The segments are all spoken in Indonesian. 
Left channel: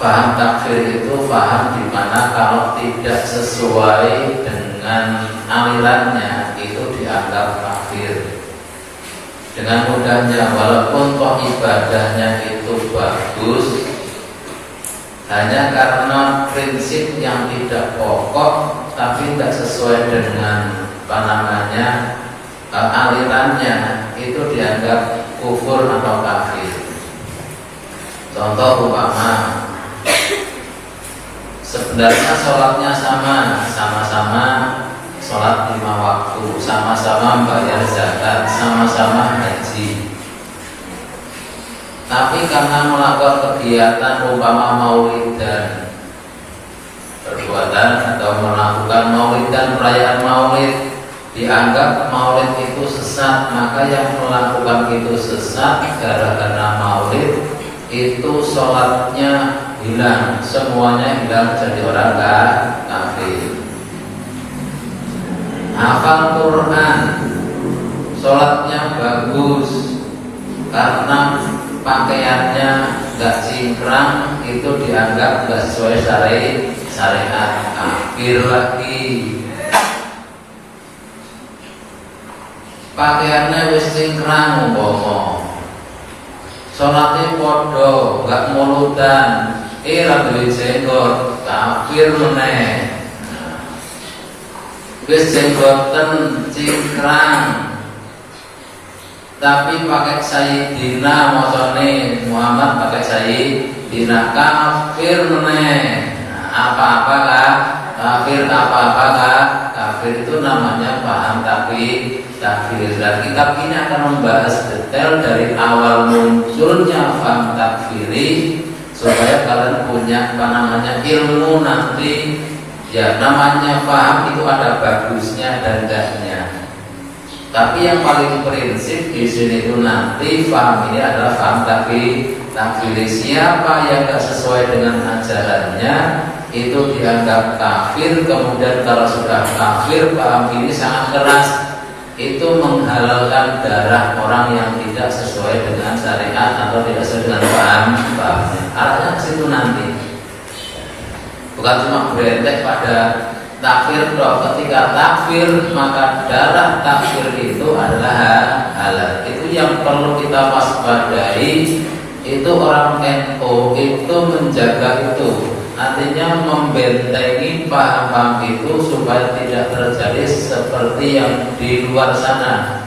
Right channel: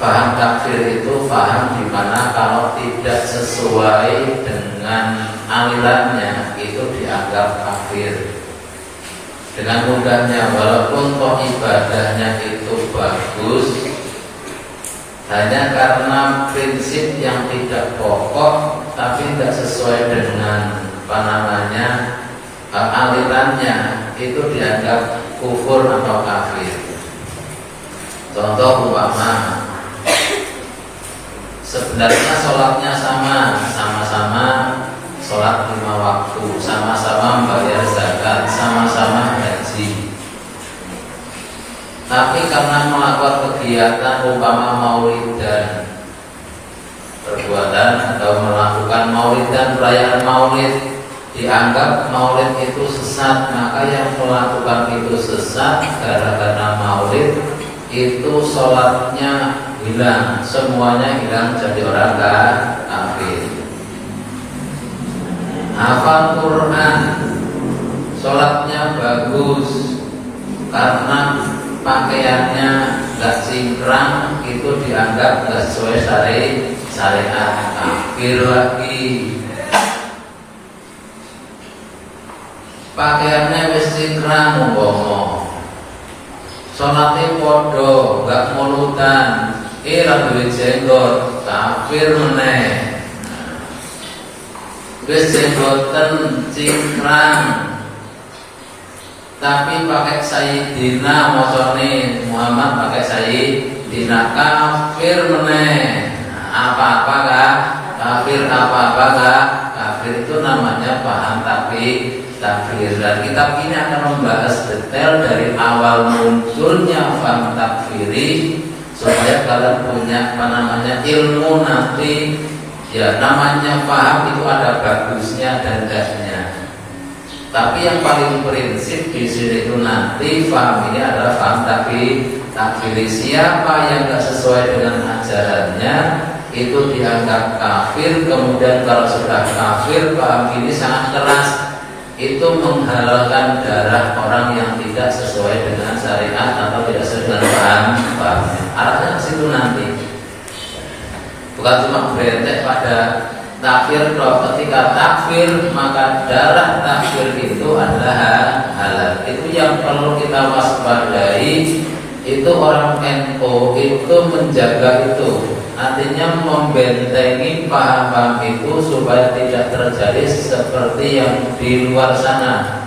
Faham takfir itu faham di mana kalau tidak sesuai dengan alirannya itu dianggap kafir. Dengan mudahnya, walaupun toh ibadahnya itu bagus, hanya karena prinsip yang tidak pokok tapi tidak sesuai dengan alirannya, itu dianggap kufur atau kafir. Contoh umpama, sebenarnya sholatnya sama-sama sholat 5 waktu, sama-sama membayar zakat, sama-sama haji. Tapi karena melakukan kegiatan umpama maulidan, perbuatan atau melakukan maulidan, perayaan maulid, dianggap maulid itu sesat, maka yang melakukan itu sesat gara-gara maulid itu sholatnya hilang, semuanya hilang, jadi orang kafir. Hafal Quran, sholatnya bagus, karena pakaiannya gak cingkrang, itu dianggap gak sesuai syariat, kafir lagi. Pakaiannya wis cingkrang, bomo, sholatnya podo, gak mulutan, ragu jenggot, kafir meneh. Wis jenggoten cingkrang tapi pakai Sayyidina, mocone Muhammad pakai Sayyidina, kafir meneh. Apa-apa kah? Kafir, apa-apa kah? Kafir. Itu namanya paham takfir. Dan kitab ini akan membahas detail dari awal munculnya paham takfiri supaya kalian punya ilmu nanti. Ya, namanya paham itu ada bagusnya dan tidaknya. Tapi yang paling prinsip di sini itu nanti paham ini adalah paham takfiri. Siapa yang tidak sesuai dengan ajarannya itu dianggap kafir. Kemudian kalau sudah kafir, paham ini sangat keras. Itu menghalalkan darah orang yang tidak sesuai dengan syariat atau tidak sesuai dengan pahamnya. Arahnya ke situ nanti. Bukan cuma berentek pada takfir toh. Ketika takfir, maka darah takfir itu adalah halal. Itu yang perlu kita waspadai. Itu orang NU itu menjaga itu, artinya membentengi paham itu supaya tidak terjadi seperti yang di luar sana.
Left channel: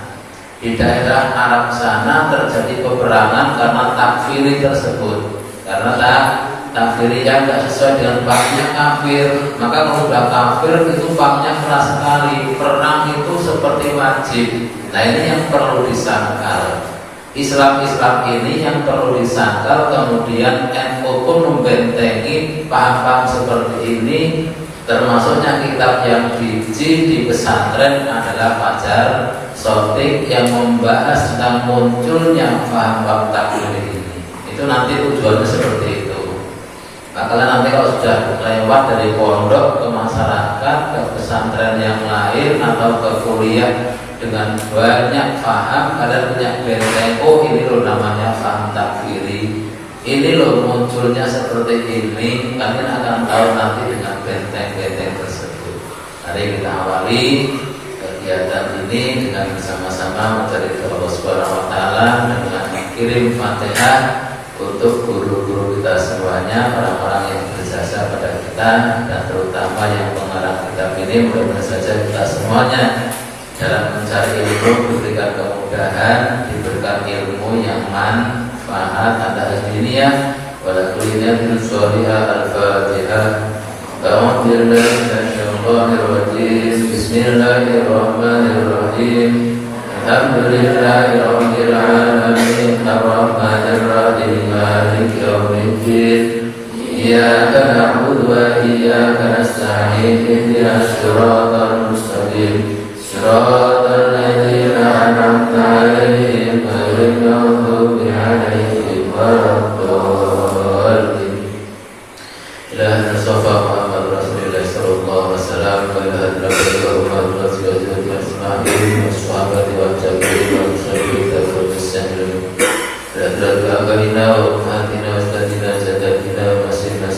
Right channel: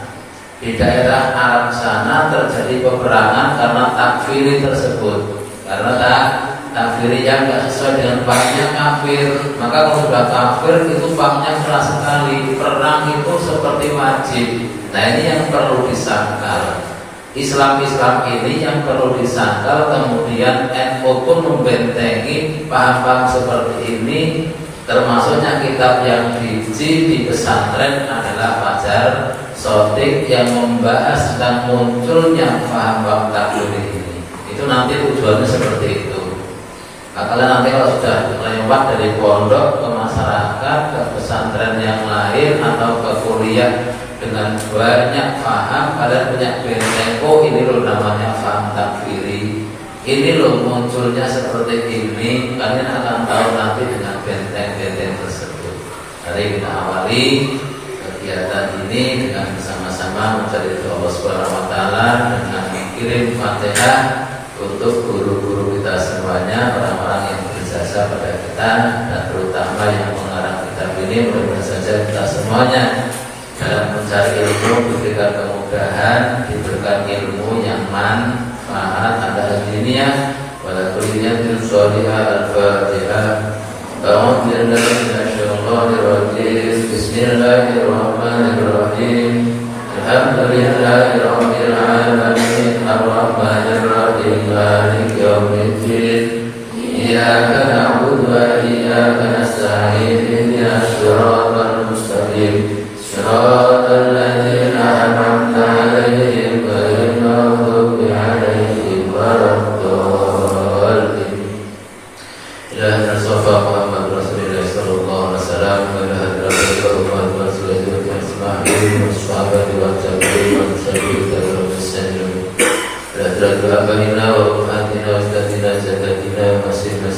Di daerah Arab sana terjadi peperangan karena takfiri tersebut, karena takfiri yang tidak sesuai dengan pahamnya kafir. Maka kalau sudah kafir itu pahamnya keras sekali. Perang itu seperti wajib. Nah, ini yang perlu disangkal. Islam ini yang perlu disangkal. Kemudian NU pun membentengi paham-paham seperti ini. Termasuknya kitab yang biji di pesantren adalah Fajar Sotik yang membahas tentang munculnya paham-paham takfir ini. Itu nanti tujuannya seperti itu. Kalian nanti kalau sudah lewat dari pondok ke masyarakat, ke pesantren yang lain atau ke kuliah dengan banyak paham, kalian punya benteng. Oh, ini loh namanya paham takfiri. Ini loh munculnya seperti ini. Kalian akan tahu nanti dengan benteng-benteng tersebut. Mari kita awali kegiatan ini dengan bersama-sama mencari Allah Subhanahu wa taala dengan mengirim Fatihah untuk guru-guru kita semuanya, orang-orang yang berjasa pada kita, dan terutama yang mengarang kitab ini. Mudah-mudahan saja kita semuanya dalam mencari ilmu diberikan kemudahan, diberikan ilmu yang manfaat pada dunia pada dunia al-Fatihah. Bismillahirrahmanirrahim. Alhamdulillahirabbil alamin arrahmanir rahim maliki yaumiddin iyyaka na'budu wa iyyaka nasta'in ihdinas siratal mustaqim siratal ladzina an'amta 'alaihim ghairil maghdubi 'alaihim waladdallin. Ilahan safa Muhammad Rasulullah sallallahu alaihi wasallam wa ala alihi wa sahbihi washabati wa tabi'in wa tabi'in wa muslimin. Radhiyallahu anhu wa atina wa tadina jadina wa masina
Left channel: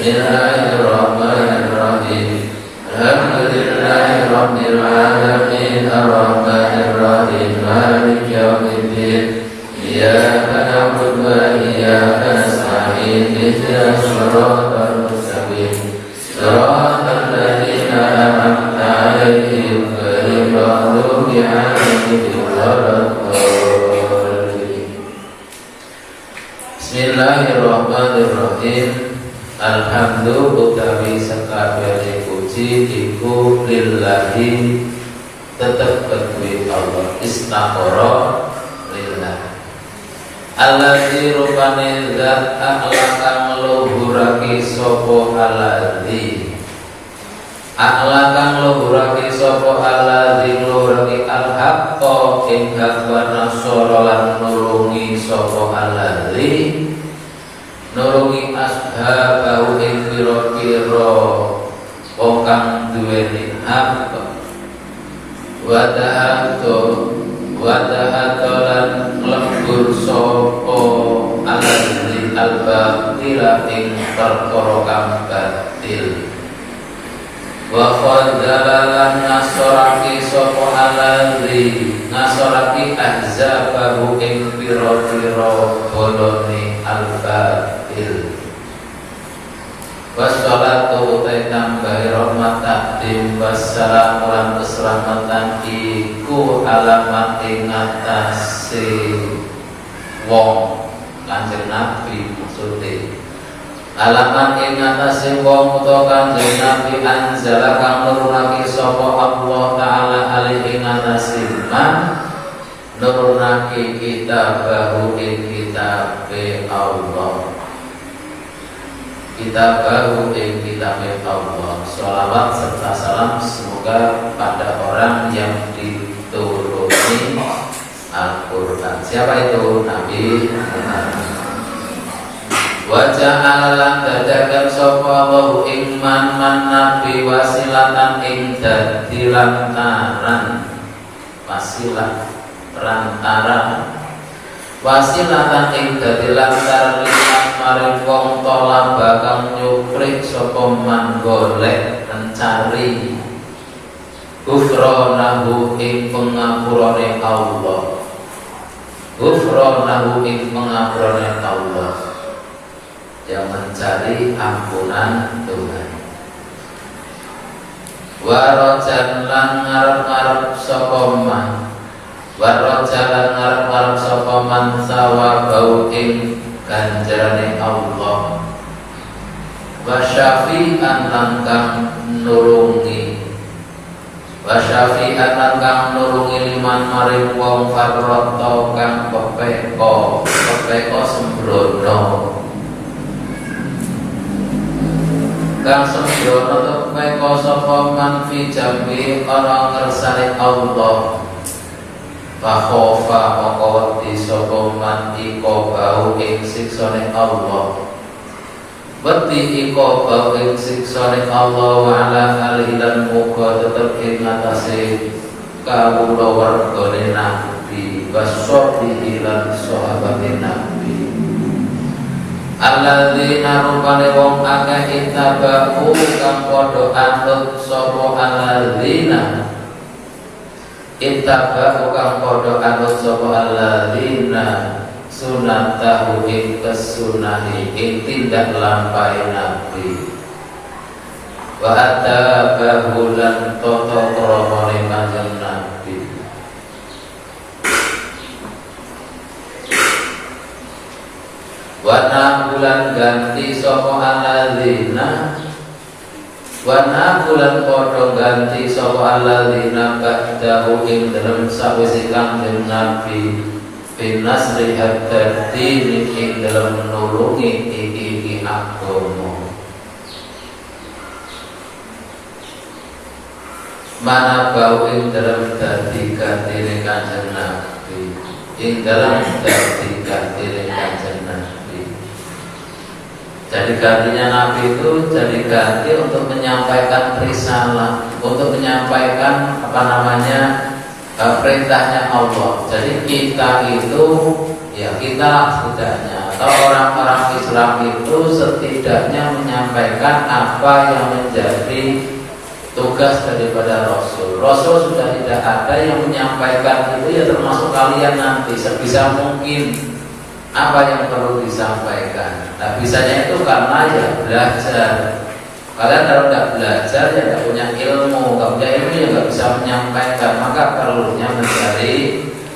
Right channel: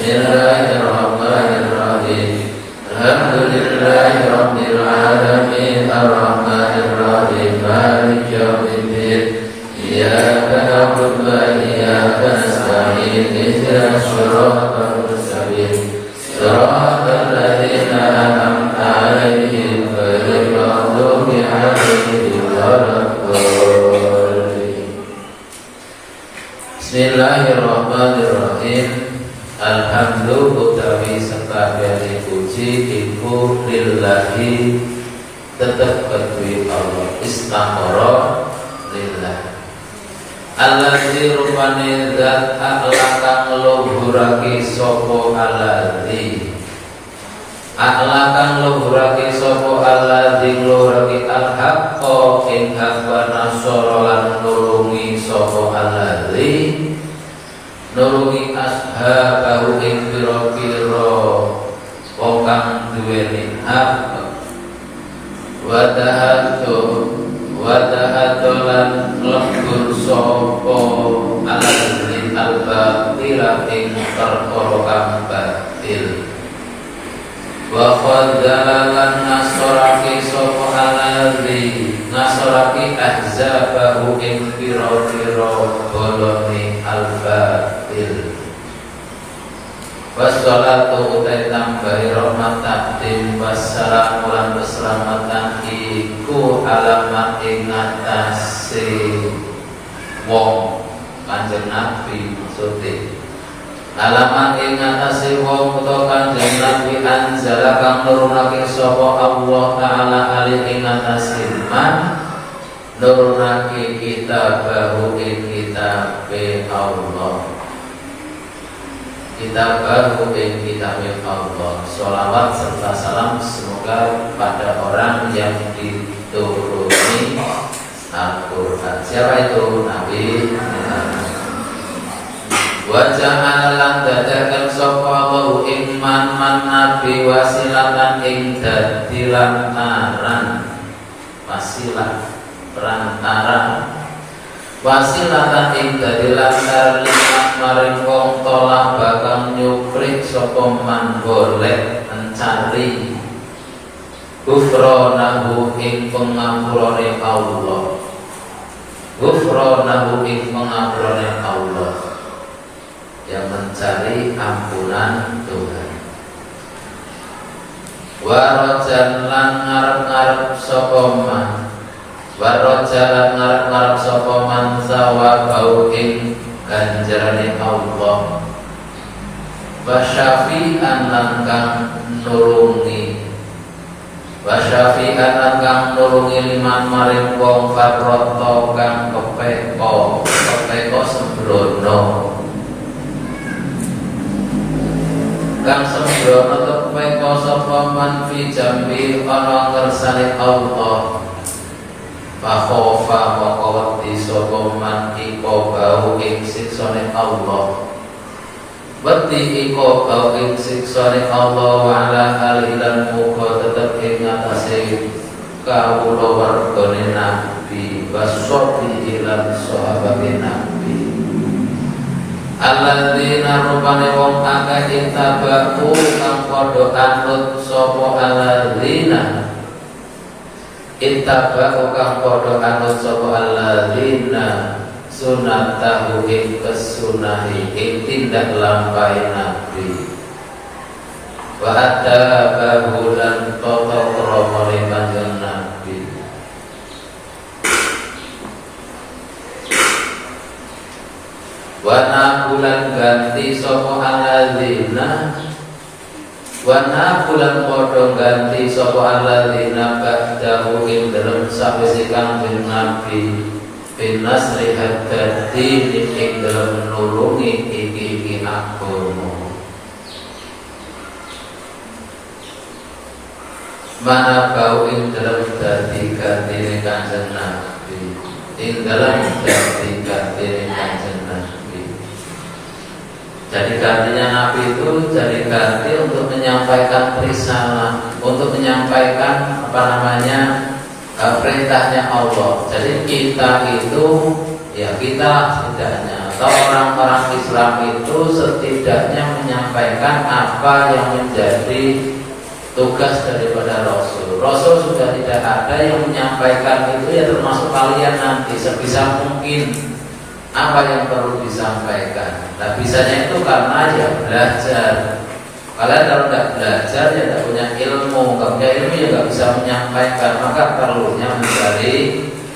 Bismillahirrahmanirrahim. Alhamdulillahirabbil alamin arrahmanir rahim maliki yaumiddin. Iyyaka na'budu wa iyyaka nasta'in ihdinas siratal mustaqim siratal ladzina an'amta 'alaihim ghairil maghdubi 'alaihim waladdallin. Bismillahirrahmanirrahim. Alhamdulillah utawi sakabehane puji iku lillahi tetep kedue Allah istaghfara lillah. Allazi rupane zat akhlakang luhurake sapa allazi. Akhlakang luhurake sapa allazi luhurake al-haqqa ing kabar nasara lan nulungi sapa allazi. Nulungi ashabahu ing pira-pira wong kang duweni hak. Wadahatolan lembur sapa alazil al-batila ing perkara kang batil. Wa qadzalan nasaraki sapa alazil nasaraki ahzabahu ing pira-pira bolone al-batil. Wassalatu tambahi rahmat takdim wassalam lan keselamatan iku alamat ing atase wong Kanjeng Nabi maksude. Alamat ing atase wong utawa Kanjeng Nabi anzala kang nurunake sapa Allah taala alih ing atase man nurunake kitabahu ing kitabe Allah. Kita baru ing kitabe Allah. Sholawat serta salam semoga pada orang yang dituruni Al-Quran. Siapa itu? Nabi Wajah Allah dadakan sapa wa ing man nabi wasilatan ing dadi lantaran. Wasilah perantara. Wasilatan ing dadi lantaran maring wong tola bakang nyukrik sapa man golek mencari ghufranahu ing pangapurane Allah. Ghufranahu ing pangapurane Allah, yang mencari ampunan Tuhan. Wa rajan lan ngarep-ngarep sapa man. Wa rajan lan ngarep-ngarep sapa man sawabau ing ganjarane Allah. Wa syafi'an lan kang nulungi. Wa syafi'an lan kang nulungi liman maring wong farrata kang kepeko sembrono. Kang sembrono kepeko sapa man fi jambi ora ngersane Allah. Fakhofa maqawati sapa man iko bau ing siksane Allah. Wati iko bau ing siksane Allah wa ala alilan muka tetep ing atase kawula wargane Nabi wasobi lan sahabate Nabi. Alladzina rupane wong akeh intabaku kang padha anut sapa alladzina Ittabahu kang padha anut sapa alladzina sunatahu ing kesunahi ing tindak lampahe Nabi. Wa atabahu lan tata kramane Kanjeng Nabi. Wa nabulan ganti sapa alladzina Wana bulan padha ganti sapa alladzina ba'dahu ing dalem sawise Kanjeng Nabi finas lihat dadi ing dalem nulungi iki agama. Mana bau ing dalem dadi gantine Kanjeng Nabi ing dalem dadi gantine Kanjeng Nabi. Jadi gantinya Nabi itu jadi ganti untuk menyampaikan risalah, untuk menyampaikan perintahnya Allah. Jadi kita itu ya kita setidaknya atau orang-orang Islam itu setidaknya menyampaikan apa yang menjadi tugas daripada Rasul. Rasul sudah tidak ada yang menyampaikan itu, ya termasuk kalian nanti sebisa mungkin apa yang perlu disampaikan. Nah bisanya itu karena ya belajar. Kalian kalau tidak belajar ya tidak punya ilmu, nggak punya ilmu ya nggak bisa menyampaikan. Maka perlunya mencari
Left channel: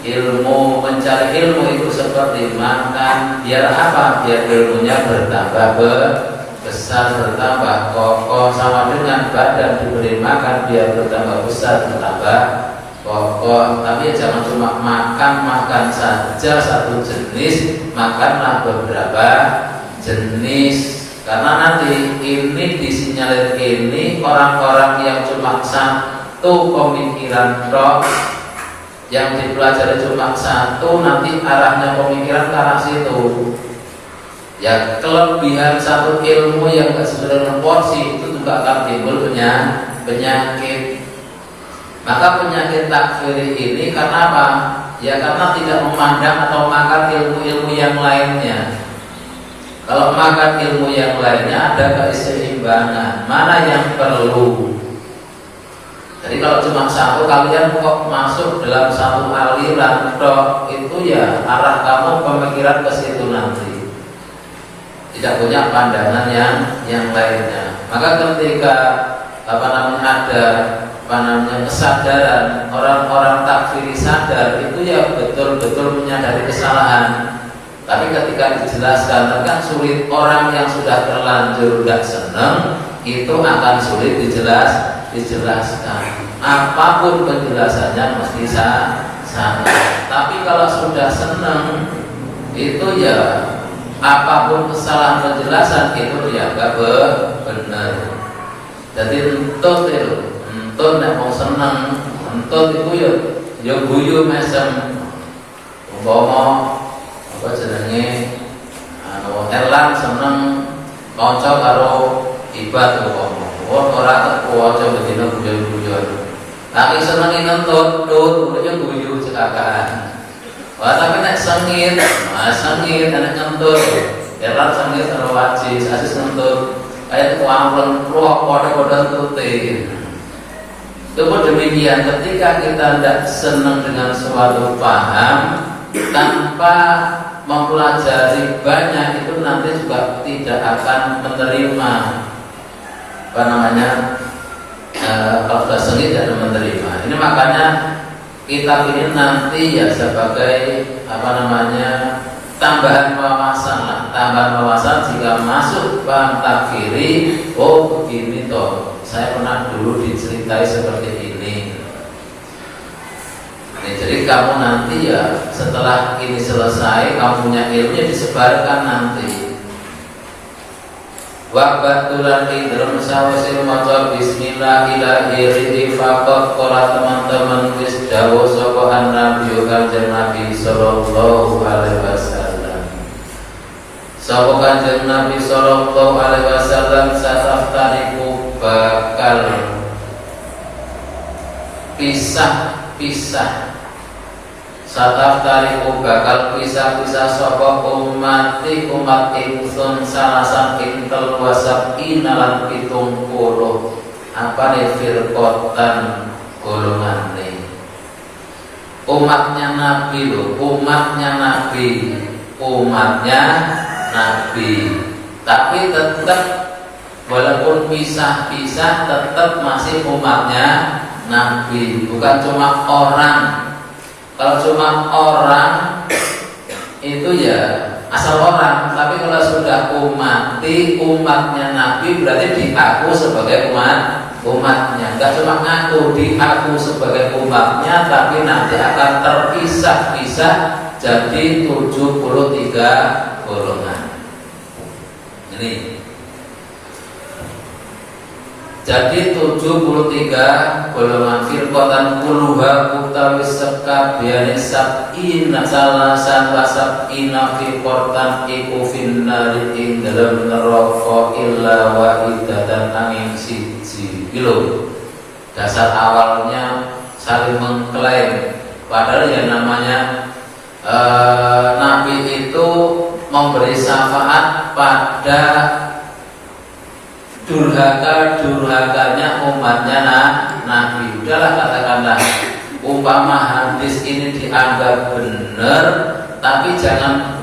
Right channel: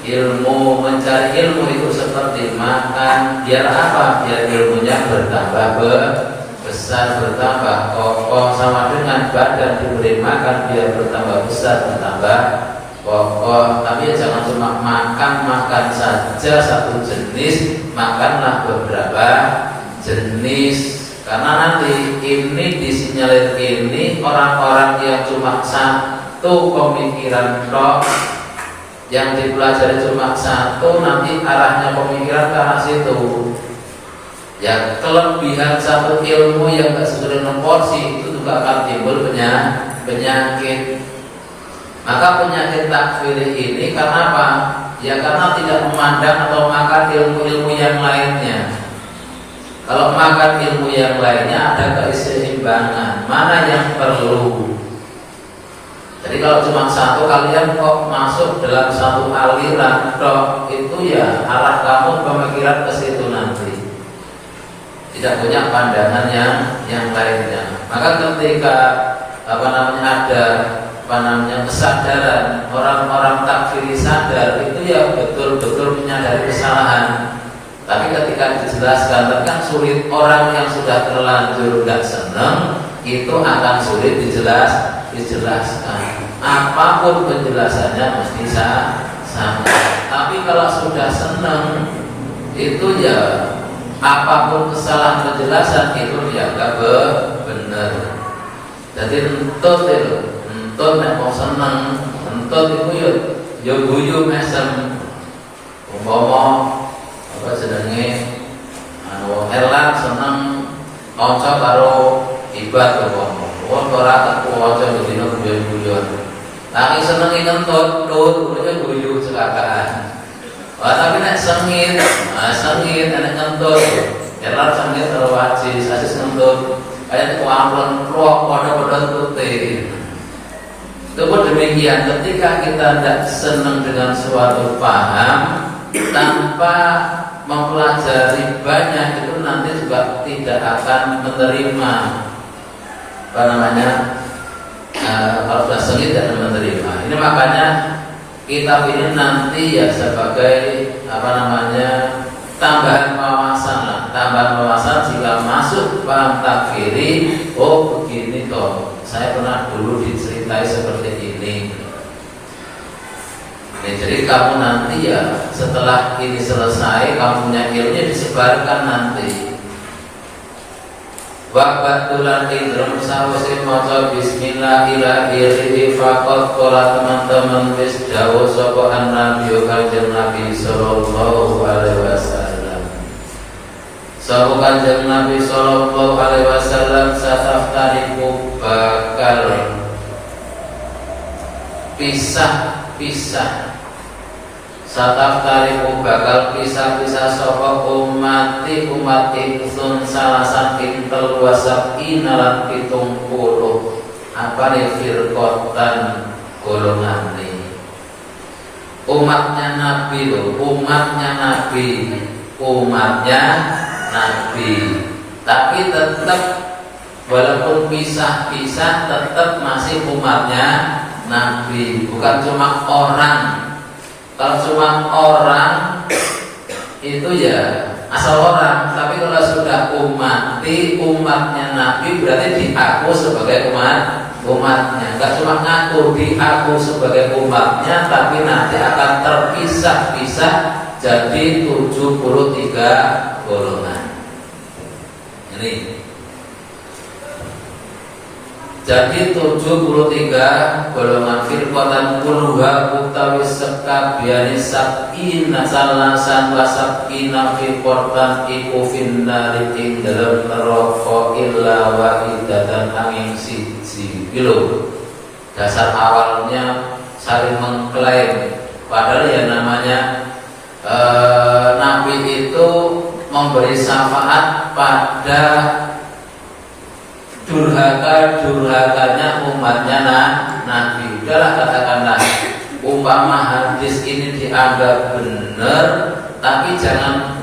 ilmu. Mencari ilmu itu seperti makan. Biar apa? Biar ilmunya bertambah besar, bertambah kokoh. Sama dengan badan diberi makan biar bertambah besar, bertambah kokoh. Tapi ya jangan cuma makan saja satu jenis, makanlah beberapa jenis. Karena nanti ini disinyalir ini orang-orang yang cuma satu pemikiran tok, yang dipelajari cuma satu, nanti arahnya pemikiran ke arah situ. Ya kelebihan satu ilmu yang gak sesuai dengan porsi itu juga akan timbul penyakit. Maka penyakit takfir ini karena apa? Ya karena tidak memandang atau makan ilmu-ilmu yang lainnya. Kalau makan ilmu yang lainnya ada keseimbangan, mana yang perlu. Jadi kalau cuma satu, kalian kok masuk dalam satu aliran dok, itu ya arah kamu pemikiran ke situ nanti. Tidak punya pandangan yang lainnya. Maka ketika ada kesadaran, orang-orang takfiri sadar, itu ya betul-betul menyadari kesalahan. Tapi ketika dijelaskan, kan sulit. Orang yang sudah terlanjur tidak senang itu akan sulit dijelaskan. Apapun penjelasannya mesti sama. Tapi kalau sudah senang itu ya apapun kesalahan penjelasan itu dianggap benar. Jadi entut nek mau senang, entut itu ya guyu mesem. Umpama apa jenenge elang seneng kanca karo ibad umpama. Ora kewaca dene guyon-guyon. Lagi senenge kentut, tulune guyu cekakaan. Wah tapi nek sengit nek kentut. Elang sengit karo wajis, asis kentut. Kayak kuamplon ruwak padha-padha tutute. Kemudian demikian ketika kita tidak senang dengan suatu paham tanpa mempelajari banyak, itu nanti juga tidak akan menerima kalau sudah sengit dan menerima. Ini makanya kitab ini nanti ya sebagai tambahan wawasan jika masuk paham takfiri. Oh begini toh, saya pernah dulu diceritai seperti ini. Jadi kamu nanti ya setelah ini selesai, kamu punya ilmunya disebarkan nanti. Wabatulan idrom sawase maca bismillahirrahmanirrahim. Faqat para teman-teman wis dawuh sapa Nabi Kanjeng Nabi sallallahu alaihi wasallam. Sapa Kanjeng Nabi sallallahu alaihi wasallam sataftariku bakal pisah. Sataftariku bakal pisah-pisah sapa umat ingsun salasan pintel wasab inalan 70 apa nih firqatan golongan nih. Umatnya Nabi loh, umatnya Nabi. Tapi tetap walaupun pisah-pisah tetap masih umatnya Nabi, bukan cuma orang. Kalau cuma orang itu ya asal orang, tapi kalau sudah umatnya Nabi berarti diaku sebagai umatnya. Enggak cuma ngaku, diaku sebagai umatnya, tapi nanti akan terpisah-pisah jadi 73 golongan. Ini jadi 73 golongan firqatan kulluha utawi sekabiane sab'ina salasan wa sab'ina firqatan iku finnari ing dalem neraka illa wahidatan angin siji. Bilo dasar awalnya saling mengklaim, padahal ya namanya Nabi itu memberi memberi syafaat pada durhaka-durhakanya umatnya Nabi. Udahlah katakanlah, umpama hadis ini dianggap benar, tapi jangan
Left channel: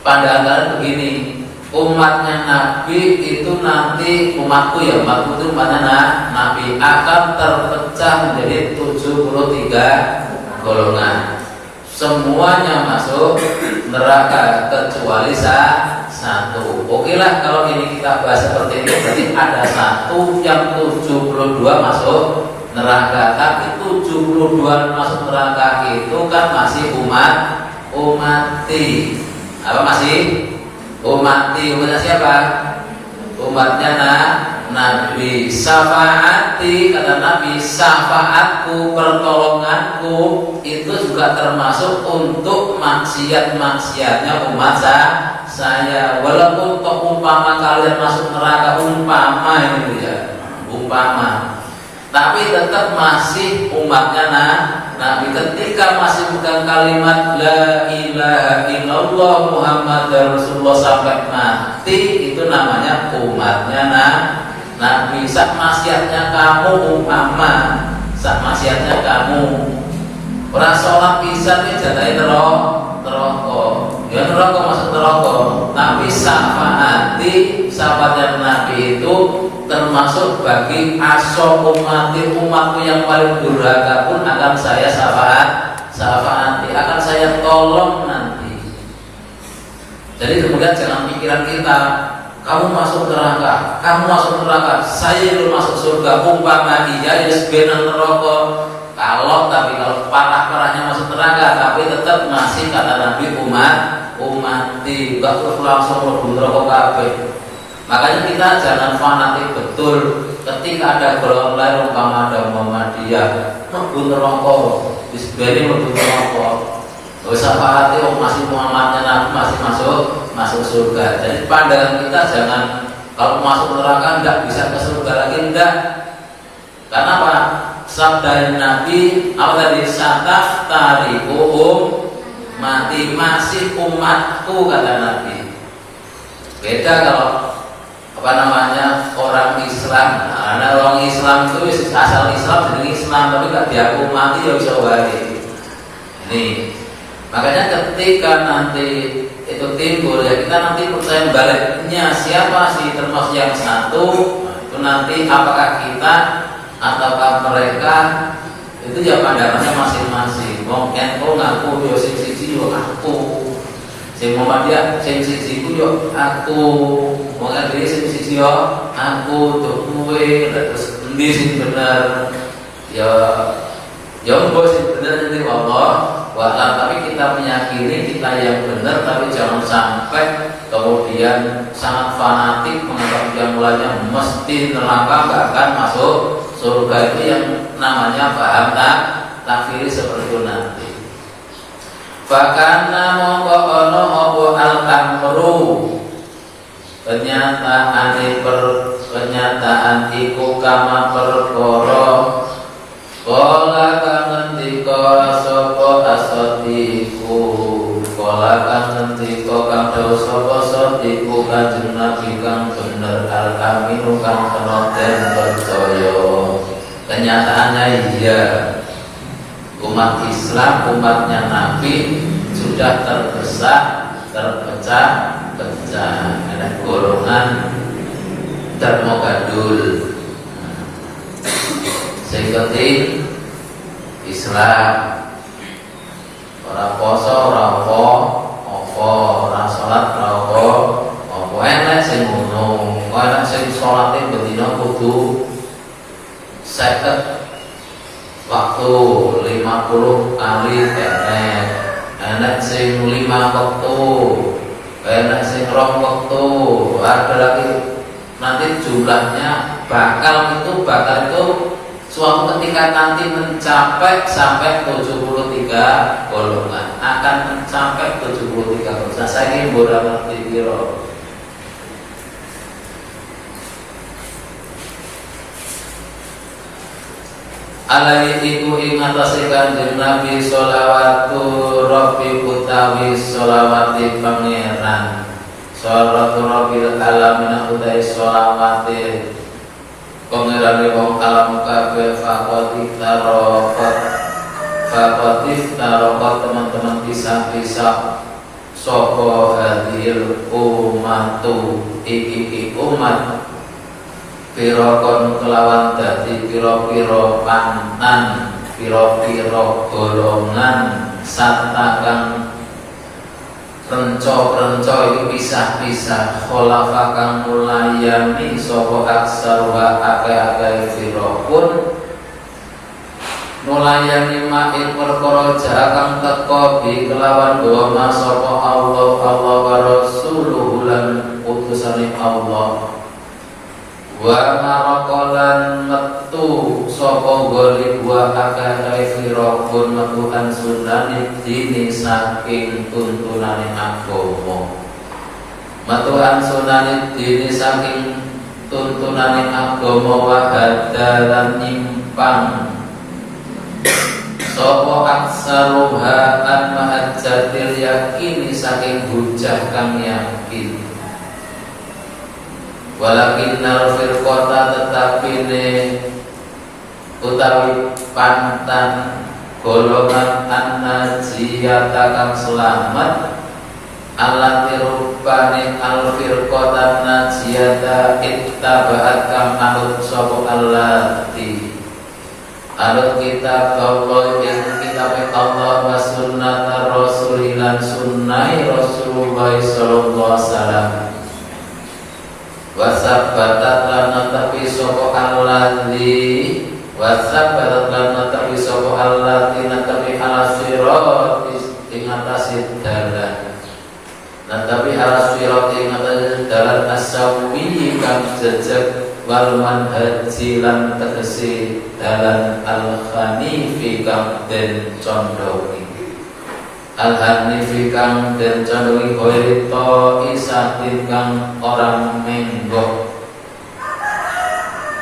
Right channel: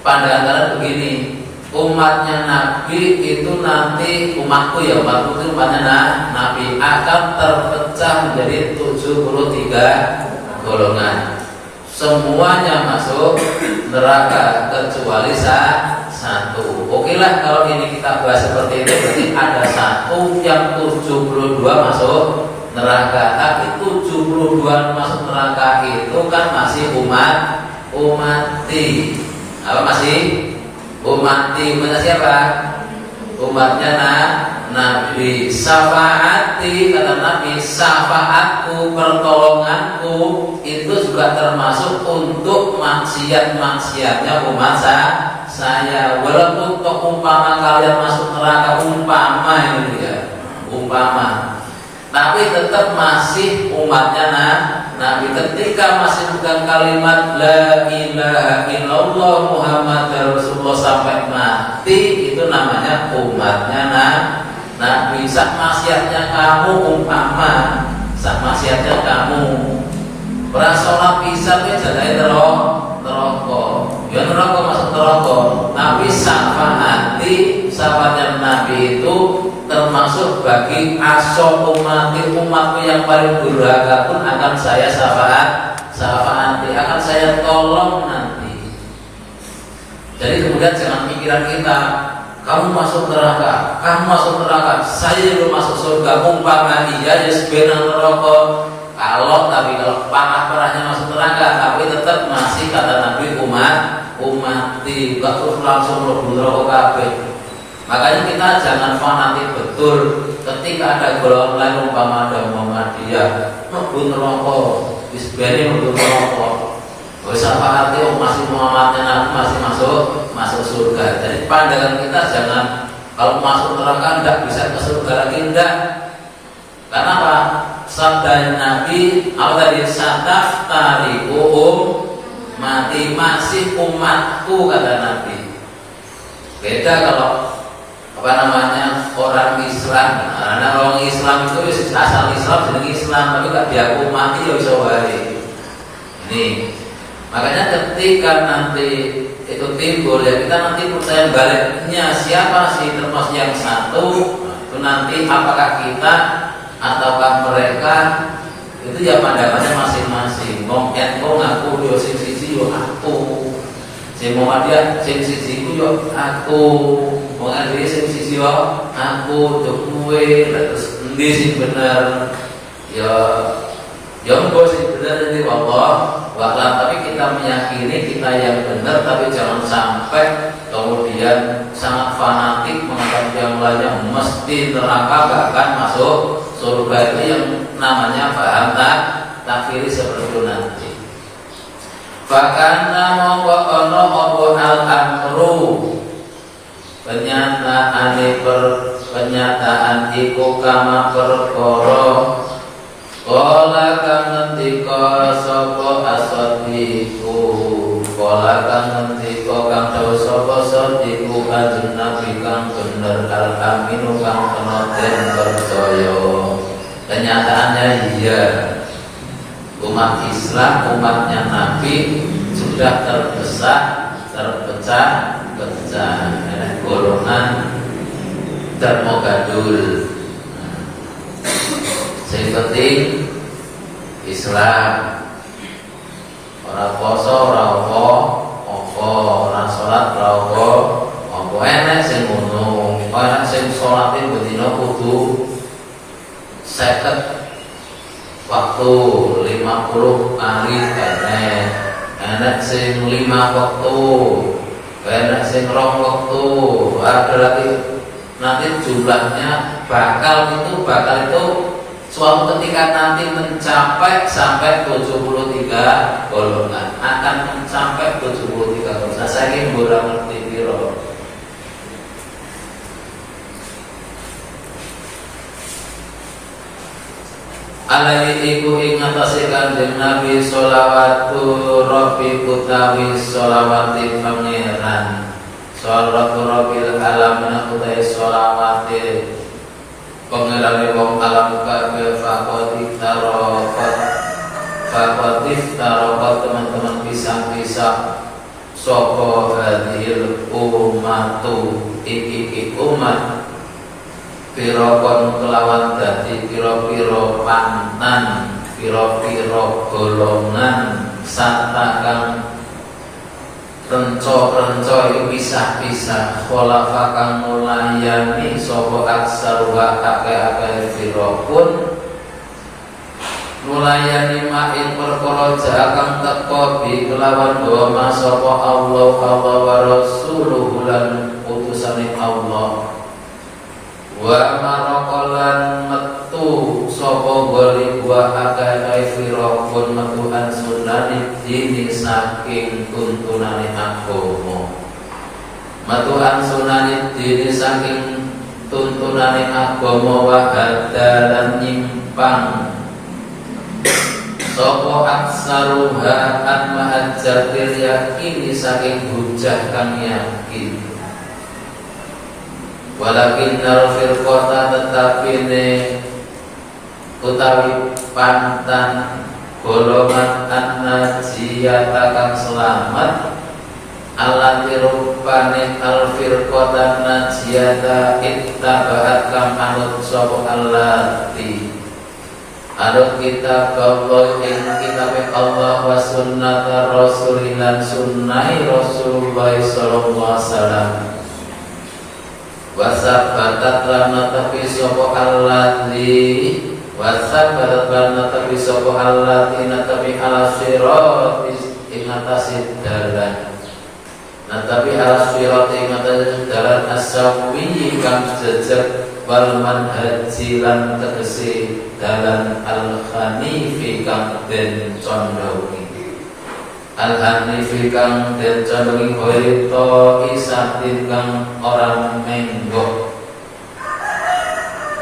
pandangan begini, umatnya Nabi itu nanti, umatku itu umatnya Nabi akan terpecah menjadi 73 golongan. Semuanya masuk neraka kecuali satu. Oke lah, kalau ini kita bahas seperti itu, berarti ada satu yang 72 masuk neraka. Tapi 72 masuk neraka itu kan masih umati. Apa masih? Umati. Umatnya siapa? Umatnya Nabi. Syafaati, kata Nabi, syafaatku, pertolonganku itu juga termasuk untuk maksiat-maksiatnya umat saya. Walaupun toh umpama kalian masuk neraka, umpama ini ya, umpama, tapi tetap masih umatnya Nabi. Ketika masih pegang kalimat la ilaha illallah Muhammadar Rasulullah sampai mati, itu namanya umatnya Nabi. Sak maksiatnya kamu, umpama sak maksiatnya kamu ora salat pisan ke jalane neraka. Ya neraka masuk neraka. Tapi syafaatnya Nabi itu termasuk bagi umatku yang paling durhaka pun akan saya syafaati, akan saya tolong nanti. Jadi kemudian jangan pikiran kita, kamu masuk neraka, saya belum masuk surga. Umpama iya ya sebenarnya neraka. Tapi kalau parah-parahnya masuk neraka, tapi tetap masih kata Nabi umati, gak terus langsung lebih neraka kabeh. Makanya kita jangan fanatik betul. Ketika ada golongan lain, umpama ada Muhammadiyah, lebih neraka, disebeni lebih neraka. Syafaat itu masih Muhammadnya Nabi masih masuk surga. Jadi pandangan kita jangan kalau masuk neraka enggak bisa ke surga lagi, enggak. Karena apa? Sabda Nabi awal dari sataf tarikuhum mati, masih umatku, kata Nabi. Beda kalau orang Islam. Nah, orang Islam itu asal Islam jadi Islam, tapi enggak diaku mati ya bisa wae. Ini makanya ketika nanti itu timbul ya, kita nanti percaya baliknya siapa sih termasuk yang satu itu nanti, apakah kita ataukah mereka, itu ya pandangannya masing-masing. Mungkin kau ngaku yo sing siji yo aku, sing Muhammadiyah sing siji yo aku, mungkin dia sing siji yo aku, tuh kue terus endi sing bener ya mbok sing bener nanti Allah wa'ala. Tapi kita meyakini kita yang benar, tapi jangan sampai kemudian sangat fanatik menganggap yang lainnya mesti neraka bahkan masuk surga. Ini yang namanya paham takfiri seperti itu nanti. Bahkan mongko ono al-amru, kenyataan iku kama perkara kola kang ngendika sapa asadiku, kola kang ngendika kang tau sapa asadiku kanjeng Nabi kang bener al-aminu kang penoten percaya. Kenyataannya iya, umat Islam, umatnya Nabi sudah terpecah ada golongan termogadul. Seperti Islam, orang poso, orang opo, orang sholat, orang opo, enak sing ngono, enak sing sholatin bedino kudu 50 waktu 50 kali enak sing 5 waktu, enak sing 2 waktu, ada lagi nanti jumlahnya bakal itu suatu ketika nanti mencapai sampai 73 golongan, akan mencapai 73 golongan. Saya ingin ngerti piro. Alaihi iku ing atase Kanjeng Nabi sholawatu rabbi utawi sholawati pangeran. Sholatu Rabbil alamin utai sholawate Pengirani wong alam kabeh Fakotif tarokat teman-teman pisah-pisah Soho hadhil umatu iki umat Pirokon kelawan dadi piro-piro pantan Piro-piro golongan Satakang renco-renco itu pisah-pisah kholafa kang mulayani sapa aksaruha akeh-akeh firaqun mulayani main perkara kang teka bi kelawan doa sapa Allah wa rasuluhu lan utusane Allah wa maraqalan metu sapa goli buah akeh firaqun metuhan sunani dini saking tuntunane agama metuhan sunani dini saking tuntunane agama wa hadalan nyimpang sapa aksaruha an mahajjatil yakini saking hujah kang yakin walakin firqata tetapi utawi pantan golongan an-najiyata kang selamat allati rupane al-firqata najiyata ittabahat kang anut sapa allati anut kitab Allah ing kitab Allah wa sunnata rasulilan sunnai Rasulullah sallallahu alaihi wasallam wasabatat lana tapi sapa allati wasabatat lana tapi sapa allati natabi ala sirat ing atase dalan natabi ala sirat ing atase dalan asawi kang jejeg wal manhaji lan tegese dalan al-hanifi kang den condongi al-hanifi kang den condongi hoirito isatin kang orang menggok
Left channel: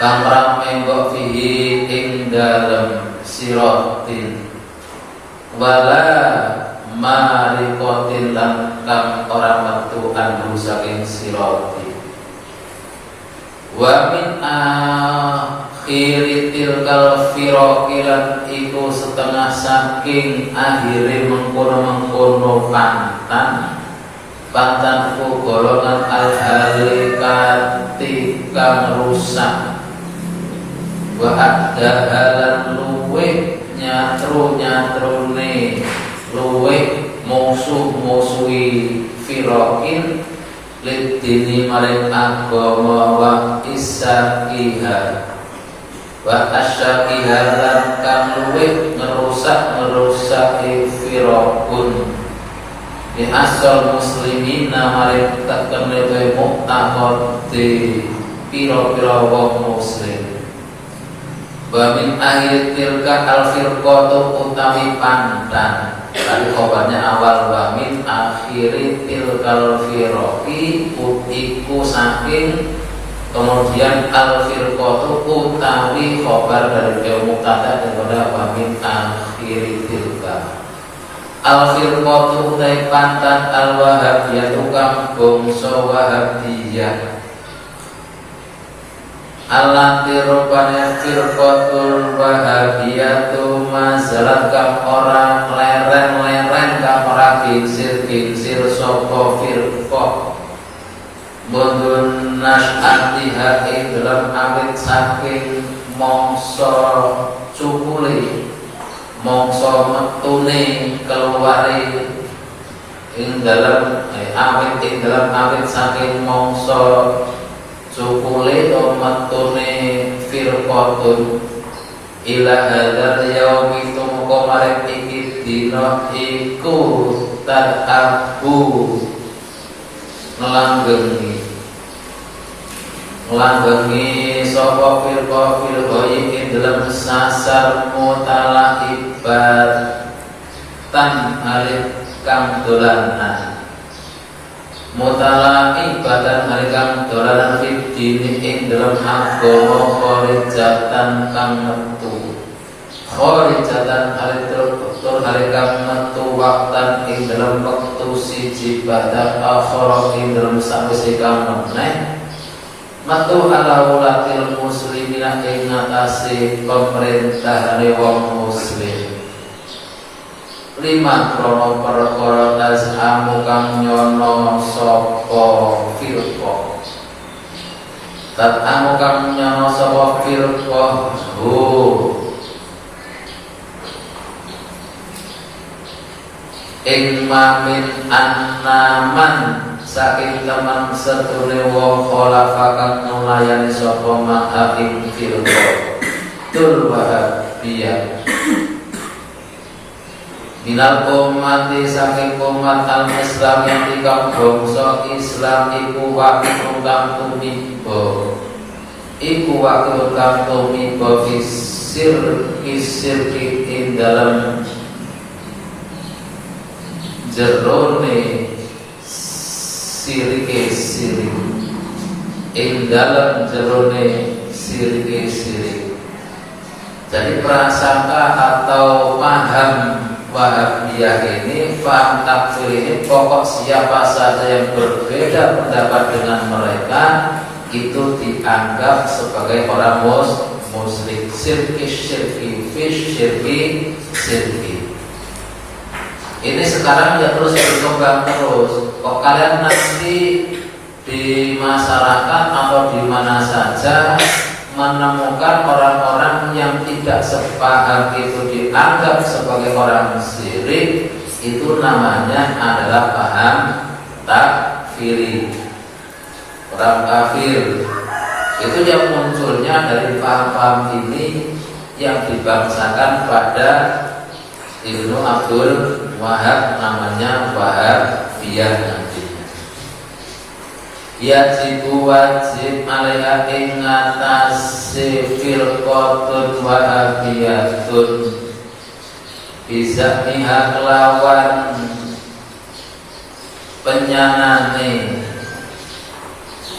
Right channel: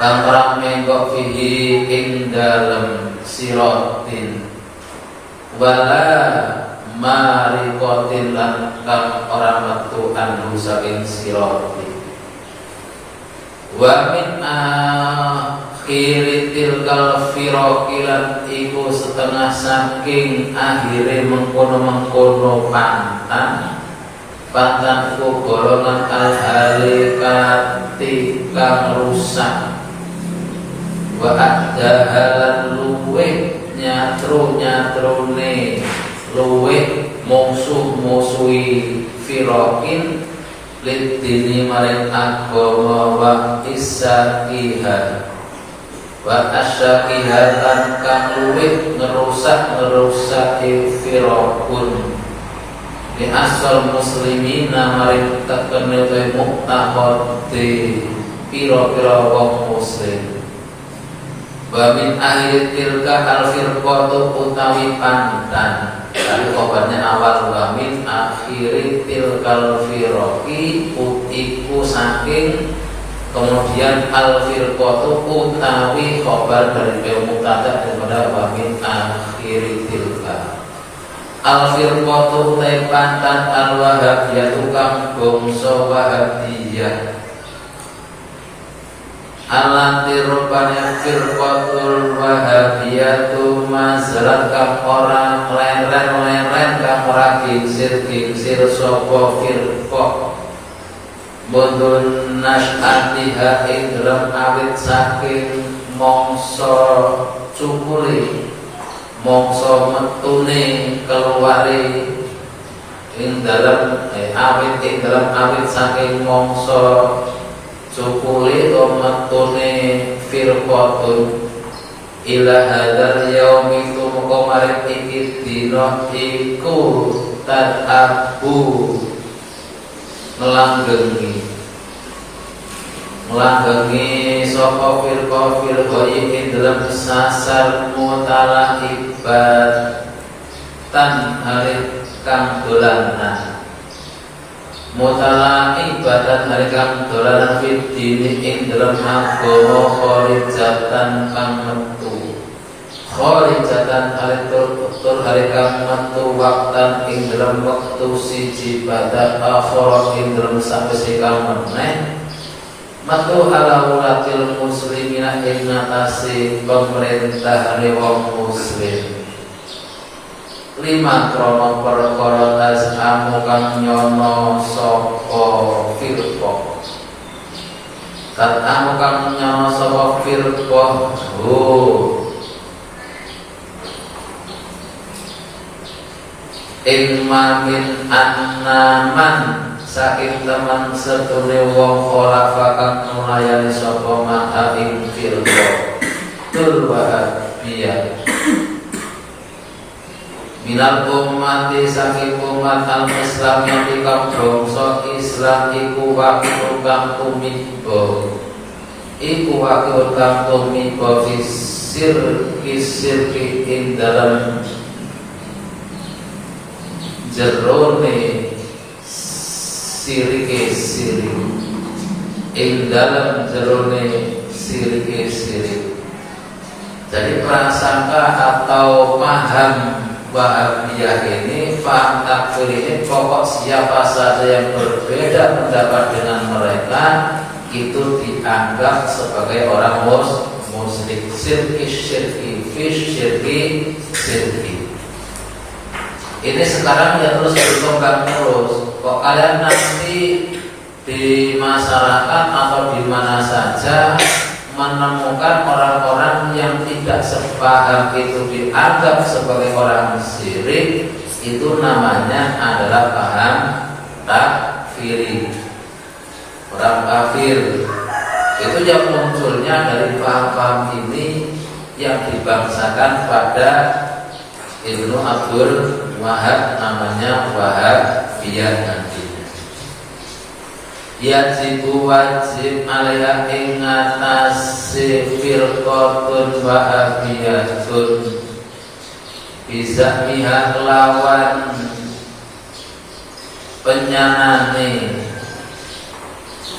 kang orang menggok fihi ing dalem sirotin wala marikotin lan kang orang metu anhu saking sirotin wa min akhiri tilkal firokilan iku setengah saking akhiri mengkono-mengkono pantan ku golongan al-halikati kang rusak wa addahalan luweh nyatrune luweh musuh-musuhi firokin lidini maring agama wa isakiha wa asyakiha lan kang luwih ngerusak firaqun bi asal muslimina maring takemne muktaqad di pira-pira wong muslim wa min akhir tilka al-firqatu utawi pantan tapi obatnya awal wa min akhiri tilkal firaqi iku saking kemudian al-firqatu utawi khobar dari mubtada daripada wa min akhiri tilka al-firqatu te pantan al-wahabiyah kang bangsa wahabiyah allati rupanya firqatul wahabiyatu masalah kang orang leren-leren kang ora gingsir sapa firqah bundul nasyatiha ing dalam awit saking mangsa cukule mangsa metune keluare ing dalam awit saking mangsa cukule omatune firqatun ila hadzal yaumi kumare iki dina iku tadabu melanggengi sapa firqa iki dalam sasar mutalaibat tan hari kang dolanan mutala'ibatan halikang dolanan fitdini ing dalam agama khorijatan kang metu khorijatan halitur halikang metu waktan ing dalam wektu siji badal akhara ing dalam sakwise kang meneh matu ala ulatil muslimina ing ngatasi pemerintah wong muslim lima krono perkara tasamu kang nyono sapa firqa tasamu kang nyono sapa firqa ing mamin annaman saking teman sedune wong khalafa kang mulayani sapa man ing firqa tur wahabiyah minal ummati saking umat al-Islam yang dikang bangsa Islam iku wakil kang tumiba fisir ing dalam jerone sirike ing dalam jerone sirike. Jadi prasangka atau paham Wahabiyah ini, paham takfir ini, pokok siapa saja yang berbeda pendapat dengan mereka itu dianggap sebagai orang musyrik. Syirki. Ini sekarang ya terus berkembang terus. Kok kalian nanti di masyarakat atau di mana saja menemukan orang-orang yang tidak sepaham itu dianggap sebagai orang syirik, itu namanya adalah paham takfiri, orang kafir. Itu yang munculnya dari paham-paham ini yang dibangsakan pada Ibnu Abdul Wahab, namanya Wahabiyah nantinya. Yajibu wajib alaiha ing atase firqatun wahabiyatun bisa mihak lawan penyanane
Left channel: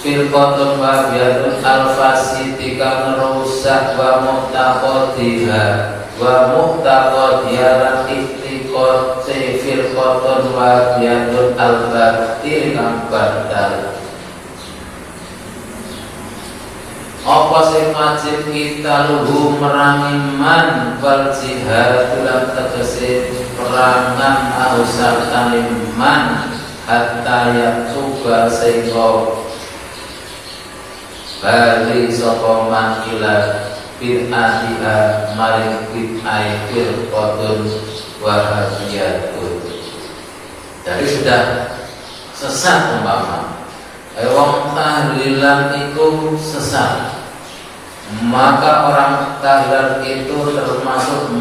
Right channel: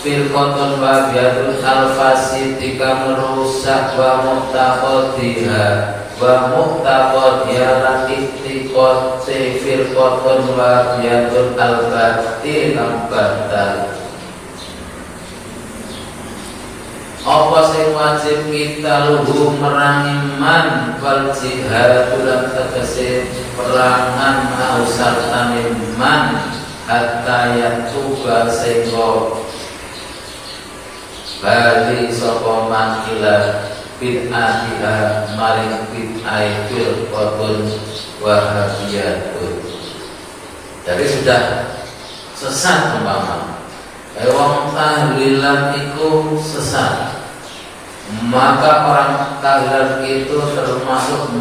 firqatun wahabiyatun al-fasidika merusak wa muqtaqadiha lan iktiqati firqatun wahabiyatun al-batil al-batal. Apa sing wajib kita luhu merangi man wal jihad lan tegese perangan ausar taniman hatta yatuba sehingga bali sapa man ila bid'atiha maring bid'ai firqatun wahabiyatun. Jadi sudah sesat umpama wong tahlilan iku sesat, maka orang tahlilan itu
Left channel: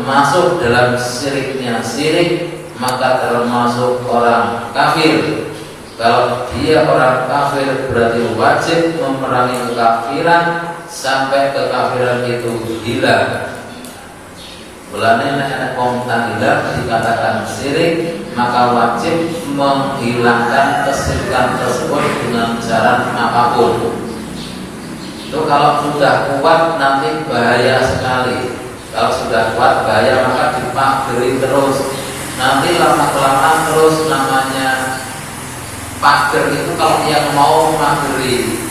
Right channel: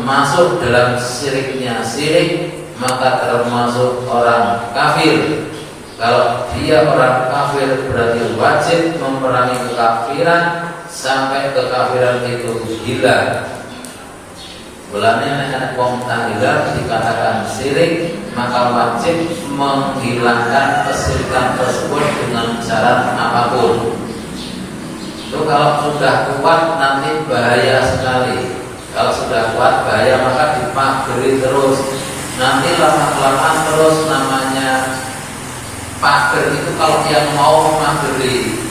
masuk dalam syiriknya syirik, maka termasuk orang kafir. Kalau dia orang kafir berarti wajib memerangi kekafiran sampai kekafiran itu hilang. Mulane nek wong tahlilan dikatakan syirik, maka wajib menghilangkan kesyirikan tersebut dengan cara apapun. Itu kalau sudah kuat nanti bahaya sekali. Kalau sudah kuat bahaya, maka dipagari terus. Nanti lama-kelamaan terus namanya pager itu kalau yang mau mageri.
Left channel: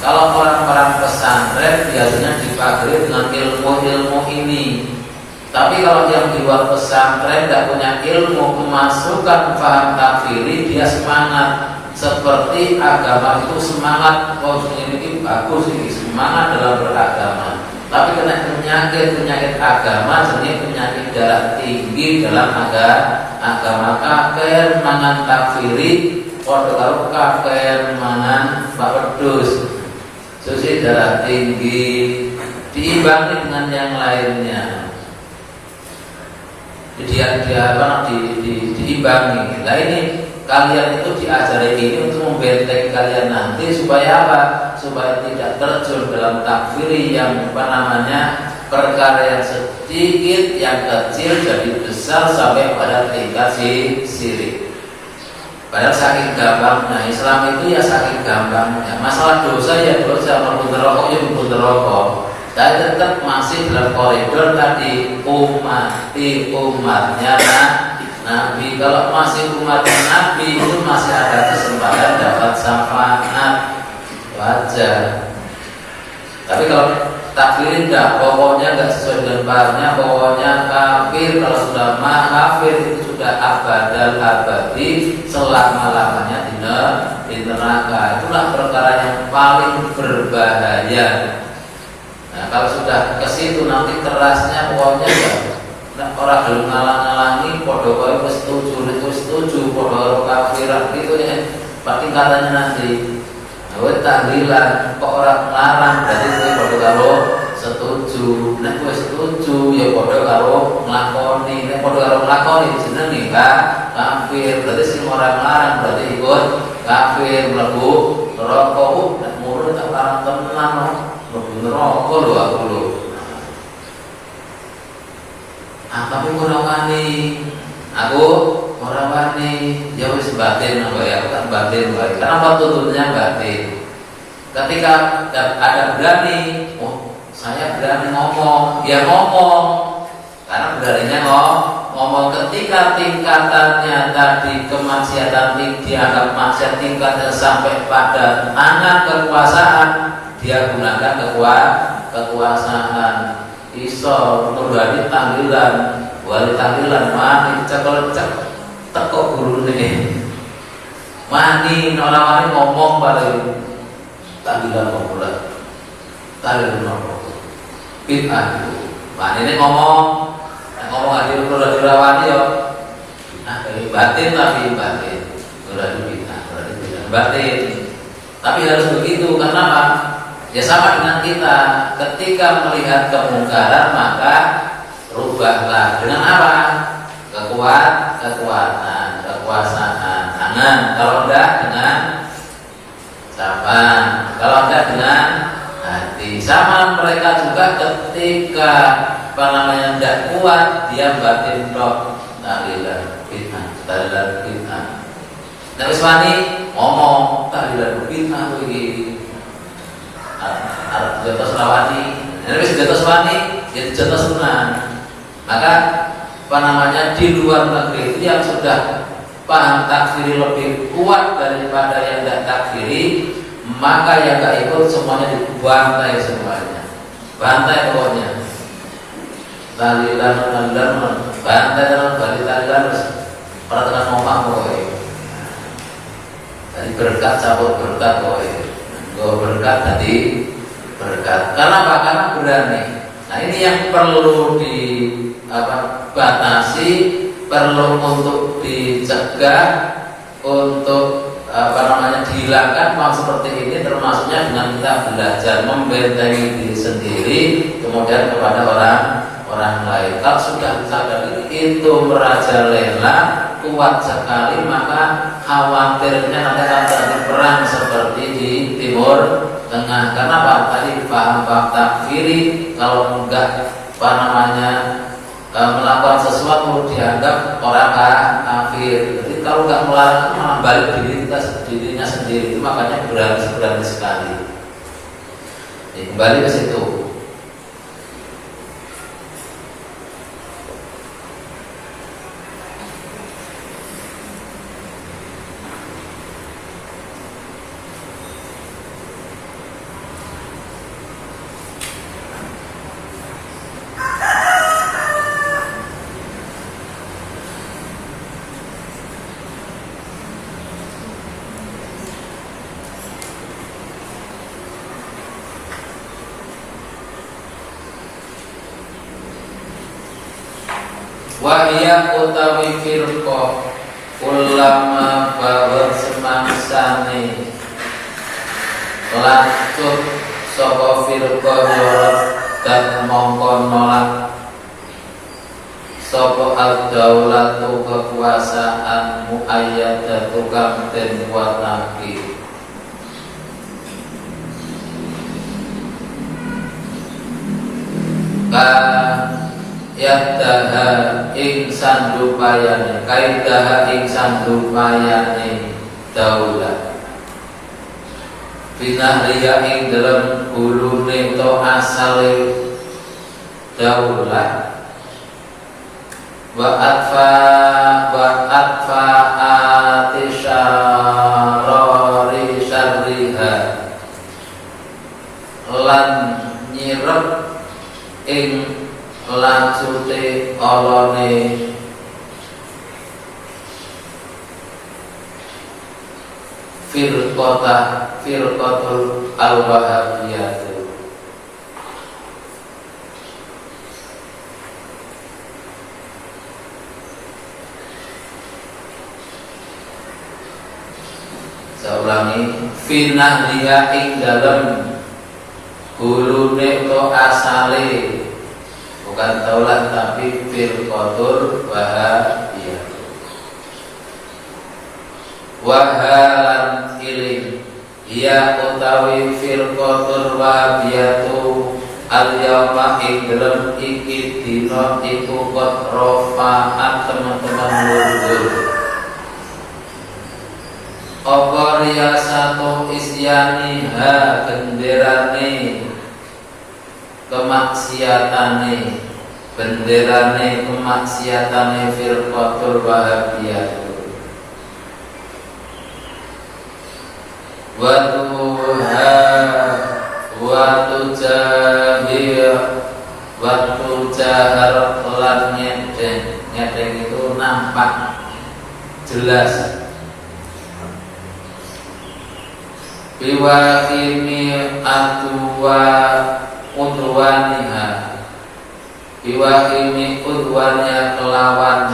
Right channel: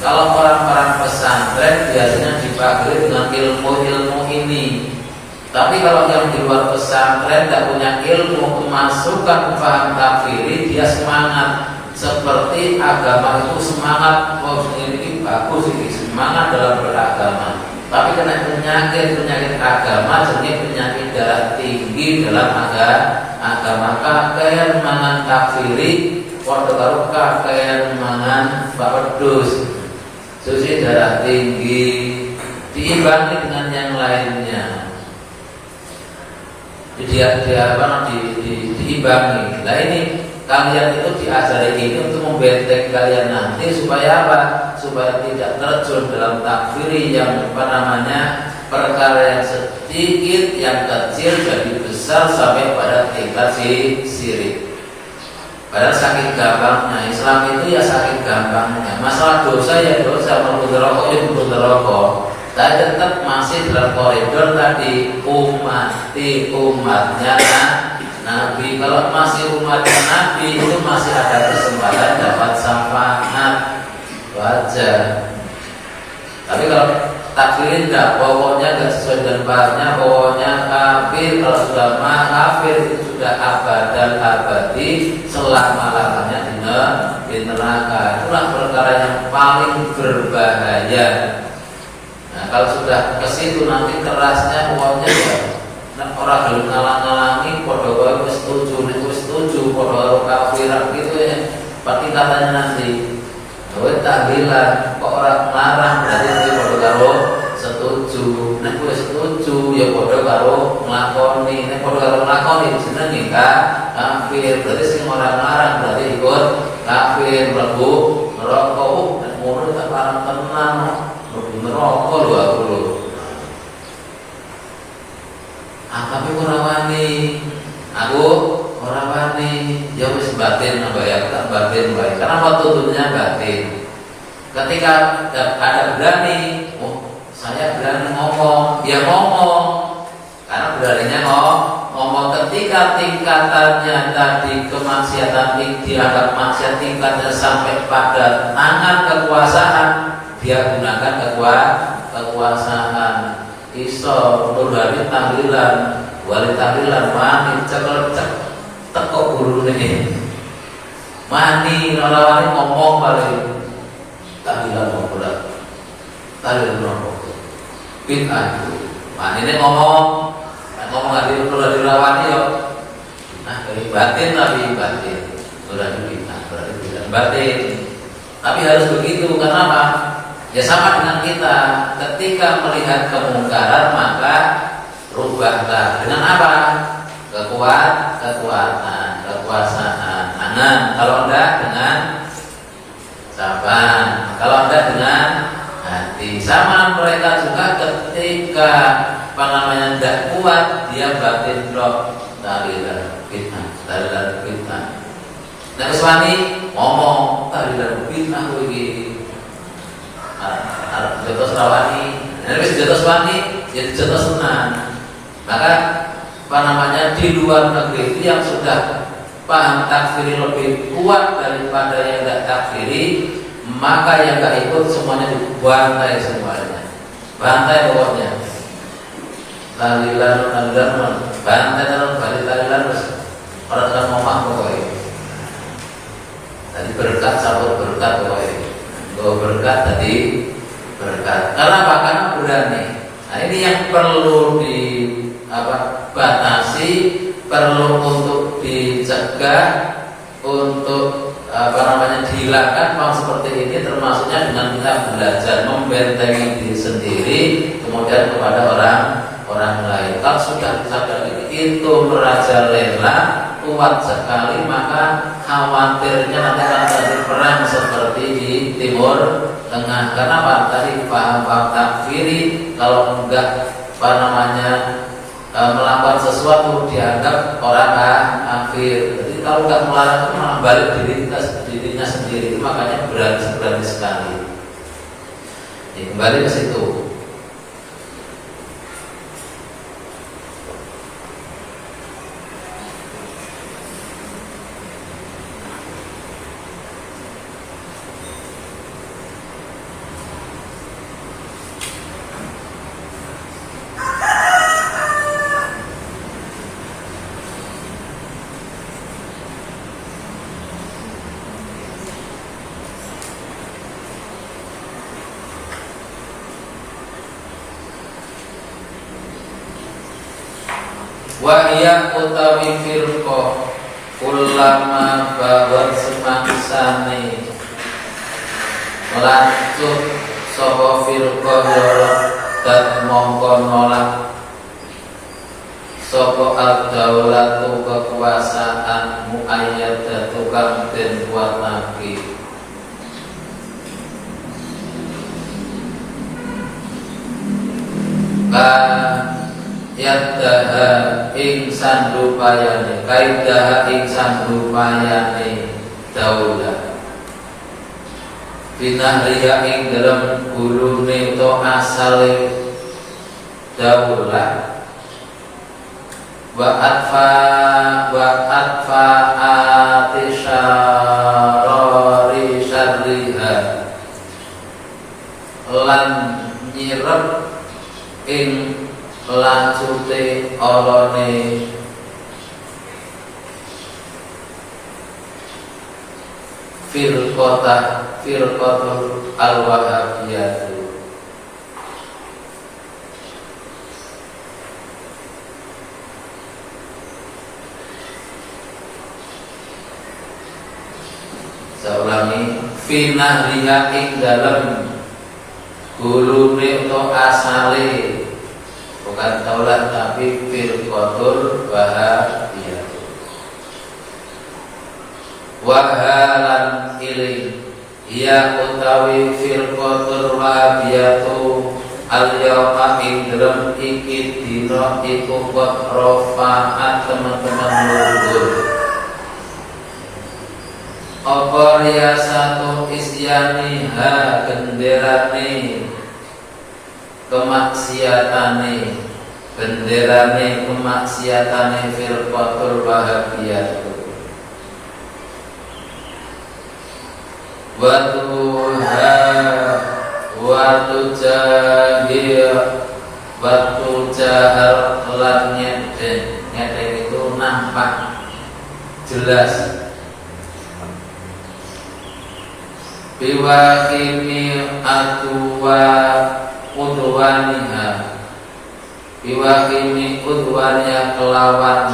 Kalau orang-orang pesantren biasanya dipagari dengan ilmu-ilmu ini. Tapi kalau yang di luar pesantren tidak punya ilmu, memasukkan paham kafiri, dia semangat. Seperti agama itu semangat, oh ini bagus, ini semangat dalam beragama. Tapi kena penyakit agama, jadi penyakit darah tinggi dalam agama. Kakek mangan kafiri, kalau kakek mangan pedus, susi darah tinggi, diimbangi dengan yang lainnya. Diimbangi. Nah ini kalian itu diajari ini untuk membentengi kalian nanti supaya apa? Supaya tidak terjun dalam takfiri yang perkara yang sedikit, yang kecil jadi besar sampai pada tingkat syirik. Padahal saking gampangnya Islam itu ya saking gampangnya. Masalah dosa ya dosa, mabuk neraka ya mabuk neraka. Tapi tetap masih dalam koridor tadi umatnya Nabi. Kalau masih umatnya Nabi itu masih ada kesempatan dapat syafaat, wajar. Tapi kalau takfirin enggak, pokoknya enggak sesuai dengan bahannya, pokoknya kafir. Kalau sudah kafir itu sudah abadal abadi selama-lamanya di neraka. Itulah perkara yang paling berbahaya. Nah, kalau sudah ke situ nanti kerasnya pokoknya nah, orang belum ngalang-ngalangi podo kowe wis setuju podo kafiran gitu ya. Pasti katanya nanti kowe tahlilan kok orang larang berarti kowe podo karo setuju. Nek kowe setuju ya podo karo nglakoni. Nek podo karo nglakoni jenenge kafir. Berarti sing ora larang berarti ikut kafir, mlebu neraka. Nek ngono tak larang tenan mlebu neraka lho aku lho. Tapi ora wani. Aku ora wani. Ya wis batin apa ya, tak batin baik. Karena tuntunnya batin. Ketika ada berani, oh saya berani ngomong, ya ngomong. Karena beraninya ngomong ketika tingkatannya tadi kemaksiatan dianggap maksiat tingkatnya sampai pada tangan kekuasaan, dia gunakan kekuasaan. Iso nurbani tahlilan, wali tahlilan mani cekel-cek teko gurune. Mani nolawani ngomong paling tahlilan ngomong. Tahlilan ngomong. Bid'ah itu. Mani ini ngomong hari udah dirawani yo. Nah, batin tapi batin. Udah bid'ah, batin. Tapi harus begitu, kenapa? Ya sama dengan kita, ketika melihat kemungkaran maka rubahlah dengan apa? Kekuatan, kekuasaan, tangan. Kalau enggak dengan sabar. Kalau enggak dengan hati. Sama mereka juga ketika enggak kuat dia batin roh tahlilan bid'ah. Nabi Swani ngomong tahlilan bid'ah begini. Jotos rawani, jadi jotos wani, jadi jotos sunan. Maka di luar negeri itu yang sudah paham takfiri lebih kuat daripada yang tidak takfiri, maka yang tidak ikut semuanya dibantai semuanya, bantai pokoknya. Talilan, bantai dalam talilan, orang orang ngomong boy. Tadi berkat cabut berkat boy, berkat tadi. Berkat. Kenapa? Karena berani. Nah ini yang perlu dibatasi, perlu untuk dicegah, untuk dihilangkan hal seperti ini, termasuknya dengan kita belajar membentengi diri sendiri, kemudian kepada orang lain. Kalau sudah sadar itu merajalela, kuat sekali, maka khawatirnya nanti akan terjadi perang seperti di Timur Tengah. Kenapa? Tadi paham takfiri, kalau enggak melakukan sesuatu dianggap orang kafir. Jadi kalau enggak melarang malah balik dirinya sendiri. Makanya berani sekali. Jadi kembali ke situ. Wahya utawi firqah ulama bawat semangsane lancut sapa firqah yorot dan mongko nolak sapa ad-daulatu kekuasaan muayyadatu kang den kuatake yadaha ing sandupayane kaidaha ing sandupayane daulah binahriya ing dalam gulune utawa asale daulah wa atfa wa lan nyirep ing lacute olone firqatul al-wahabiyah. Saya ulangi, finah liha ing dalem gulune to asale, bukan taulat tapi firqatul wahabiyah. Wahalan iling ya utawi firqatul wahabiyatu al-yawma ing dalem iki dina iku qad rafa'at teman-teman luhur apa riyasatu isyaniha benderane kemaksiatane benderane kemaksiatane firqatul wahabiyah waktu jahar lan nyeteng itu nampak jelas biwakimi atwa udwaniha biwakimi udwaniha kelawan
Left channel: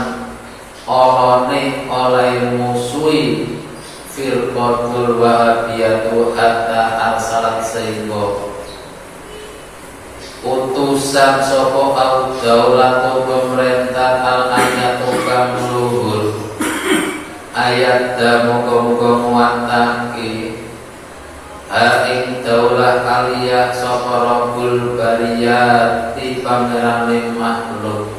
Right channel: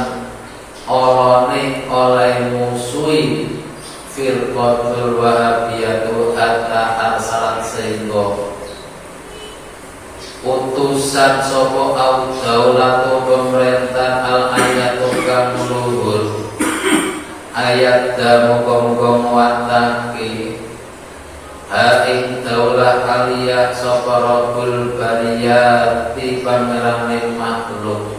oleh musuhi firqatul wahabiyatu hatta arsalat sehingga utusan sopo au daulatu pemerintah al-ayatu kang luhur ayat muga-muga muwatake ha ing daulah aliyah sopo rabbul bariyat di pamerane makhluk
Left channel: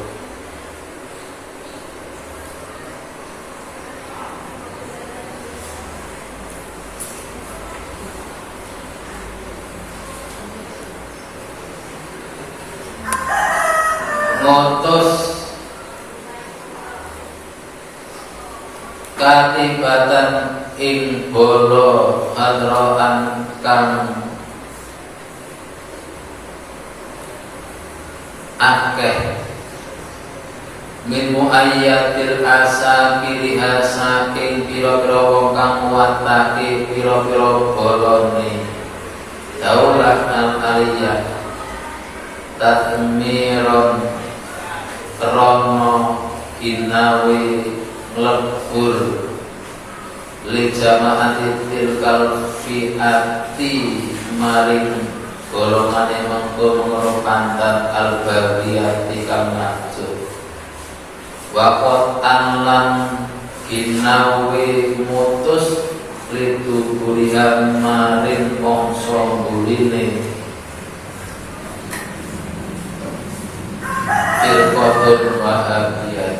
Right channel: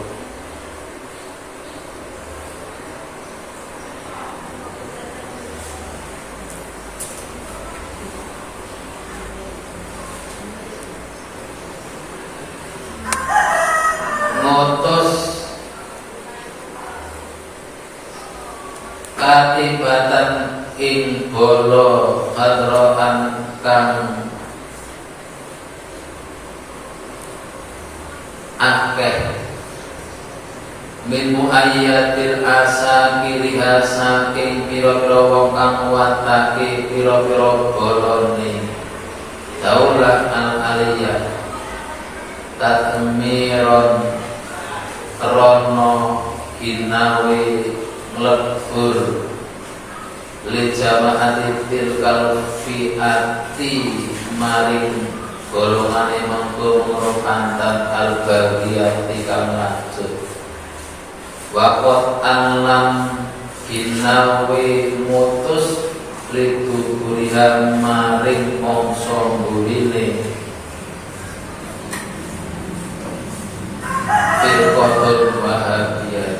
katibatan ing bolo hadroan kang akeh min muayyatil asakiriha saking pira-pira wong kang muwatake pira-pira bolone daulah al-aliyah tatmiron krono inawe lebur li jama'ati tilkal fi'ati maring golongane mengko pantan al-bagiyati kang lanjut waqat anlam ginawi mutus li tuburihan maring mongso buline firqatul wahabiyah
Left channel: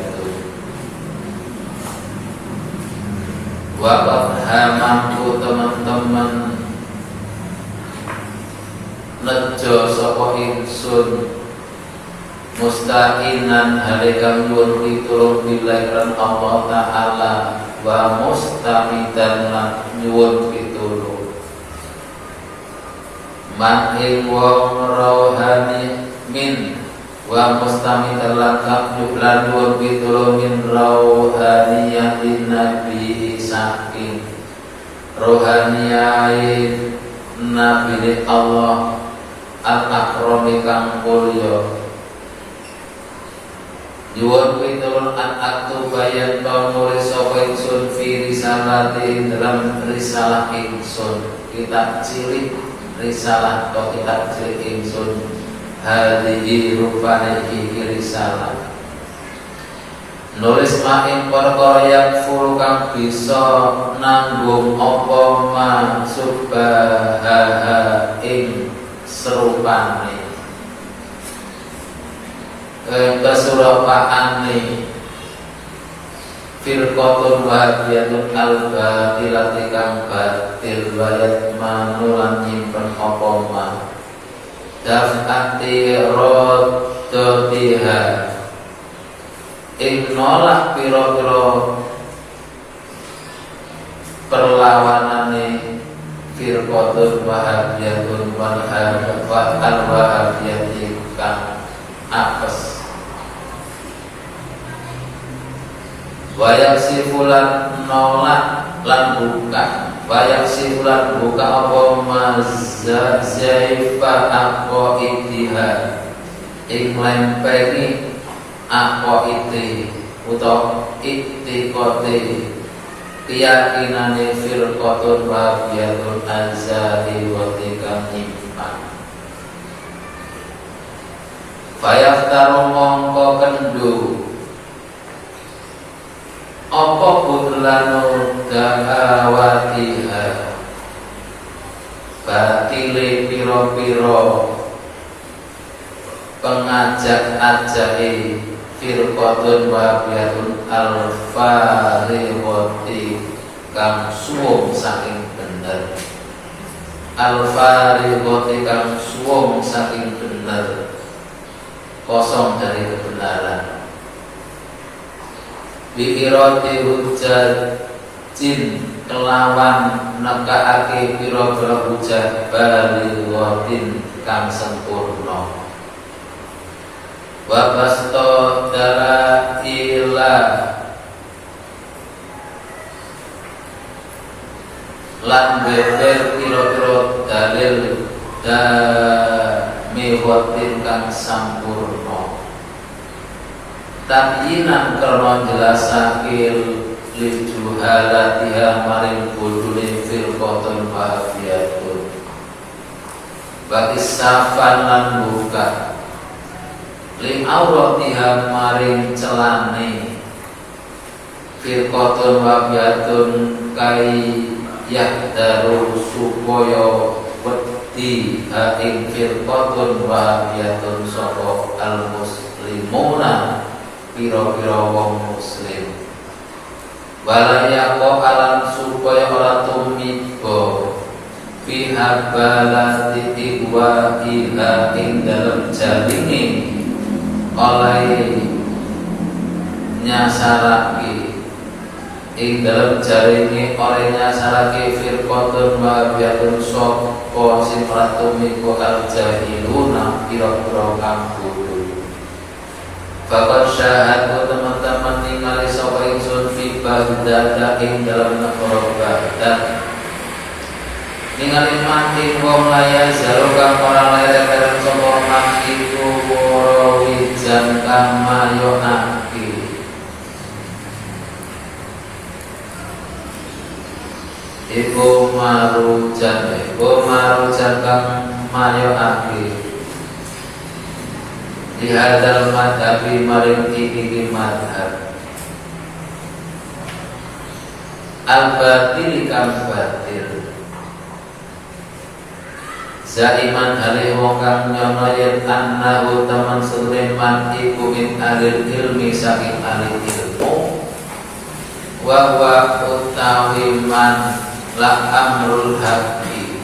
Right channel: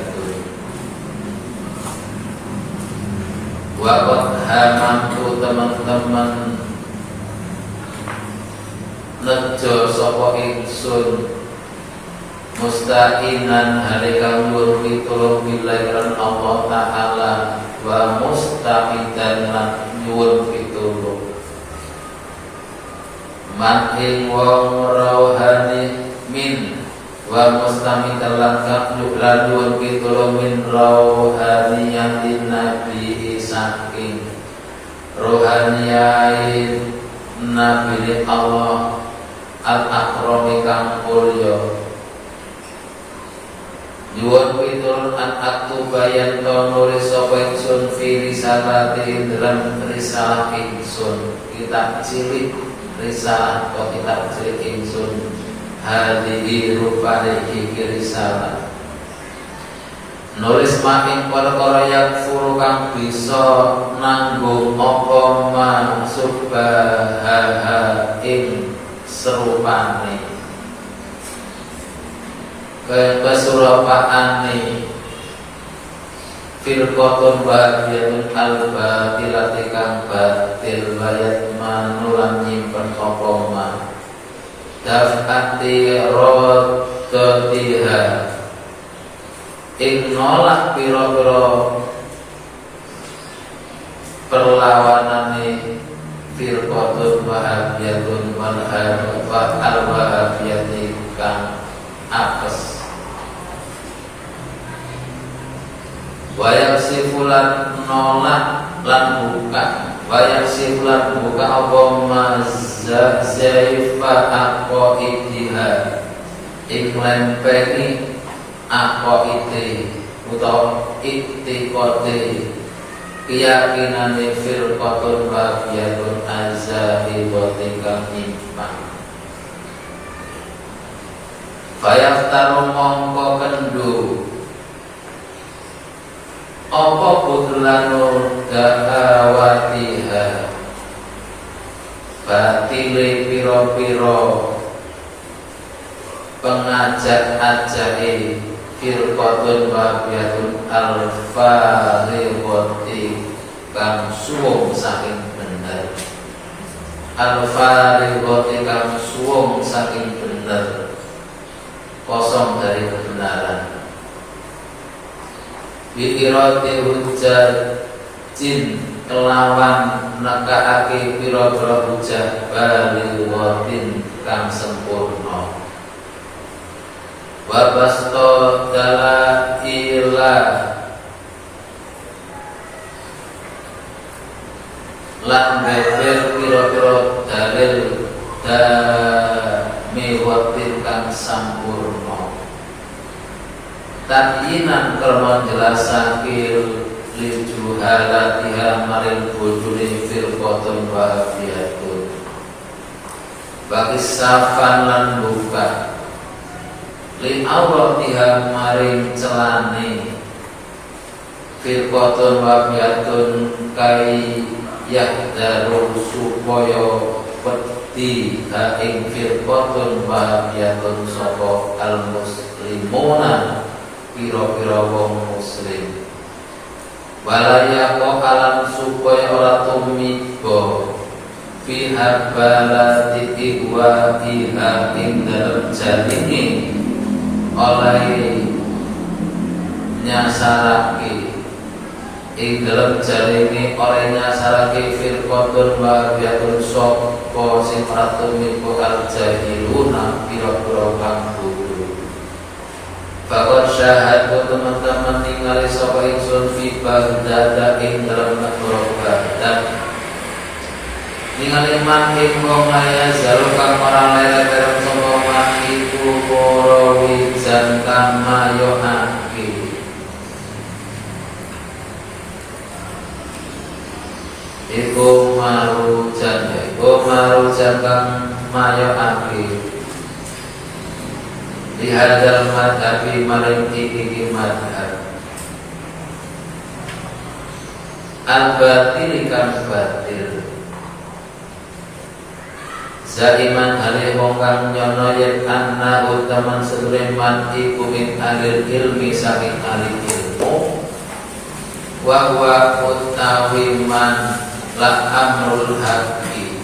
waqat hamanku teman-teman nejo sapa ingsun mustaqinan halikang nuwun pitulung billahi Allah Ta'ala wa mustamidan nyuwun pitulung man ing wong rohani min wa mustamidan lan nyuwun pitulung min rohaniyatin nabi saking rohaniyain nabi Allah al-akrami kang mulya nyuwun pitulung an aktubayan to nulis sapa ingsun fi risalati dalam risalah ingsun kitab cilik risalah to kitab cilik ingsun hadhihi rupane iki risalah nulis making perkara yang furu kang bisa nanggung apa mansubaha ing serupane kesurupaane firqatun wahabiyatun al-batilati kang batil wayat manulan nyimpen apa ma daf'ati rodotiha ing nolak pira-pira perlawanane firqatun wahabiyatun wal wahabiyati kang apes. Wayak sifulan nolak lan buka, wayak sifulan buka apa mazaifa apa itiha ing lempeni apa iti utawa itikote keyakinane firqatun wabiyatun azzahi wa tikam iman. Fayaftaru mongko kendu apa budlanur dahawatiha batile piro-piro pengajak-ajake firqatun wabiyatun al-fariqati kang suwung saking bener, al-fariqati kang suwung saking bener, kosong dari kebenaran. Bikirati hujat jin kelawan nekaake pira-pira hujah balighatin kang sempurna. Wa basto dalaila lan beber pira-pira dalil damiwatin kang sampurna. Tadyinan karena jelasake lil juhalatiha maring bodhone firqatun wabiyatun bagi safan lan buka li auratiha maring celane firqatun wabiyatun kai yahdaru supaya wedi ha ing firqatun wabiyatun sapa al muslimuna piro-piro wong muslim walaya alam supaya ora tumiba fi habalati wa iha ing dalem jaringe oleh nyasarake ing dalem jaringe oleh nyasarake firqatun wabiyatun sapa sing ora tumiba al jahiluna piro-piro kang bahwa syahadu teman-teman ningali sapa ingsun fi Baghdad ing dalam negara Baghdad ningali man ing wong aya zaru kang ora lere bareng sapa man iku rawi kang mayoake iku marujan kang mayoake di hadal madhabi maring iki madhab al-batil kang batil zaiman alih wong kang nyono yen annahu taman Sulaiman iku min alil ilmi saking ahli ilmu wa huwa utawi man la amrul haqi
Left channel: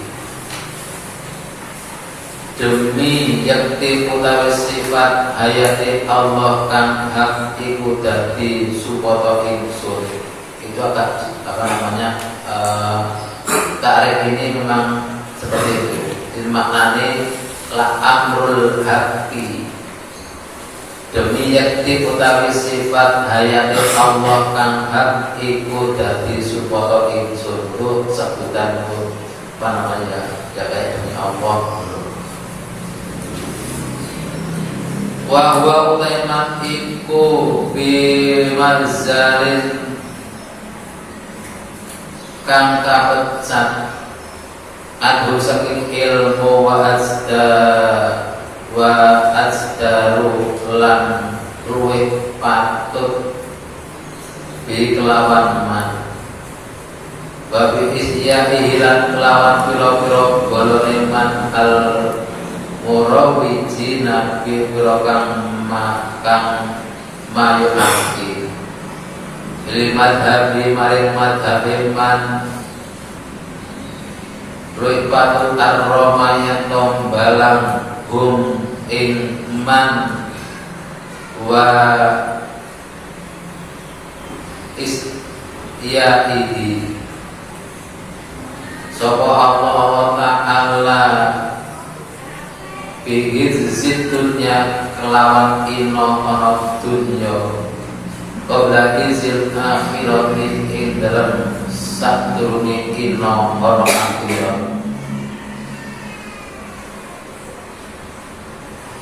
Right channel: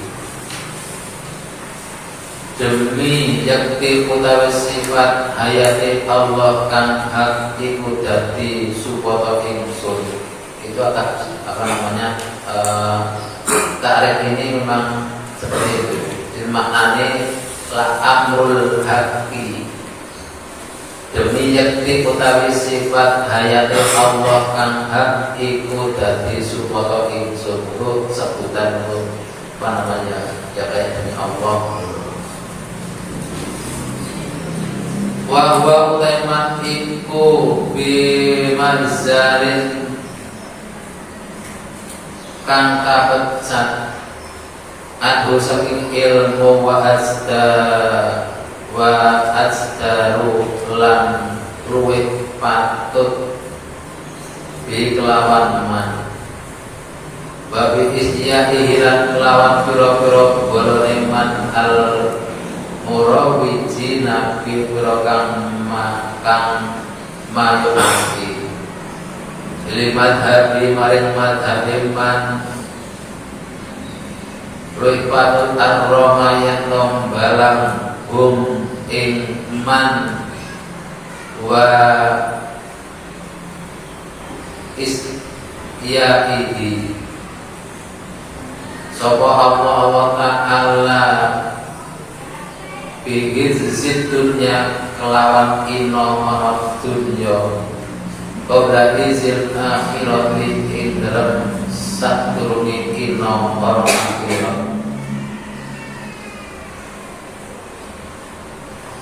demi yakti utawi sifat hayati Allah kang hak iku dadi supaya ingsun. Itu apa namanya takrif ini memang seperti itu. Jadi maknanya la amrul haqi demi yakti utawi sifat hayati Allah kang hak iku dadi supaya ingsun. Itu sebutan apa namanya ya kayak demi Allah. Wa huwa ulaiman iku bimanzalin kang kapecat adu saking ilmu wa azdaru lan luwih patut bi kelawan man babi isyahi lan kelawan pira-pira golone man al murawiji nabi kang mayuaki limat habi maring madhabi man luwih patut arroma yen tombalang hum ing man wa isyaihi sapa Allah wa ta'ala bihizid dunya kelawan ino marab dunya qabla izil akhirati ing dalem saturune ino marab akhirat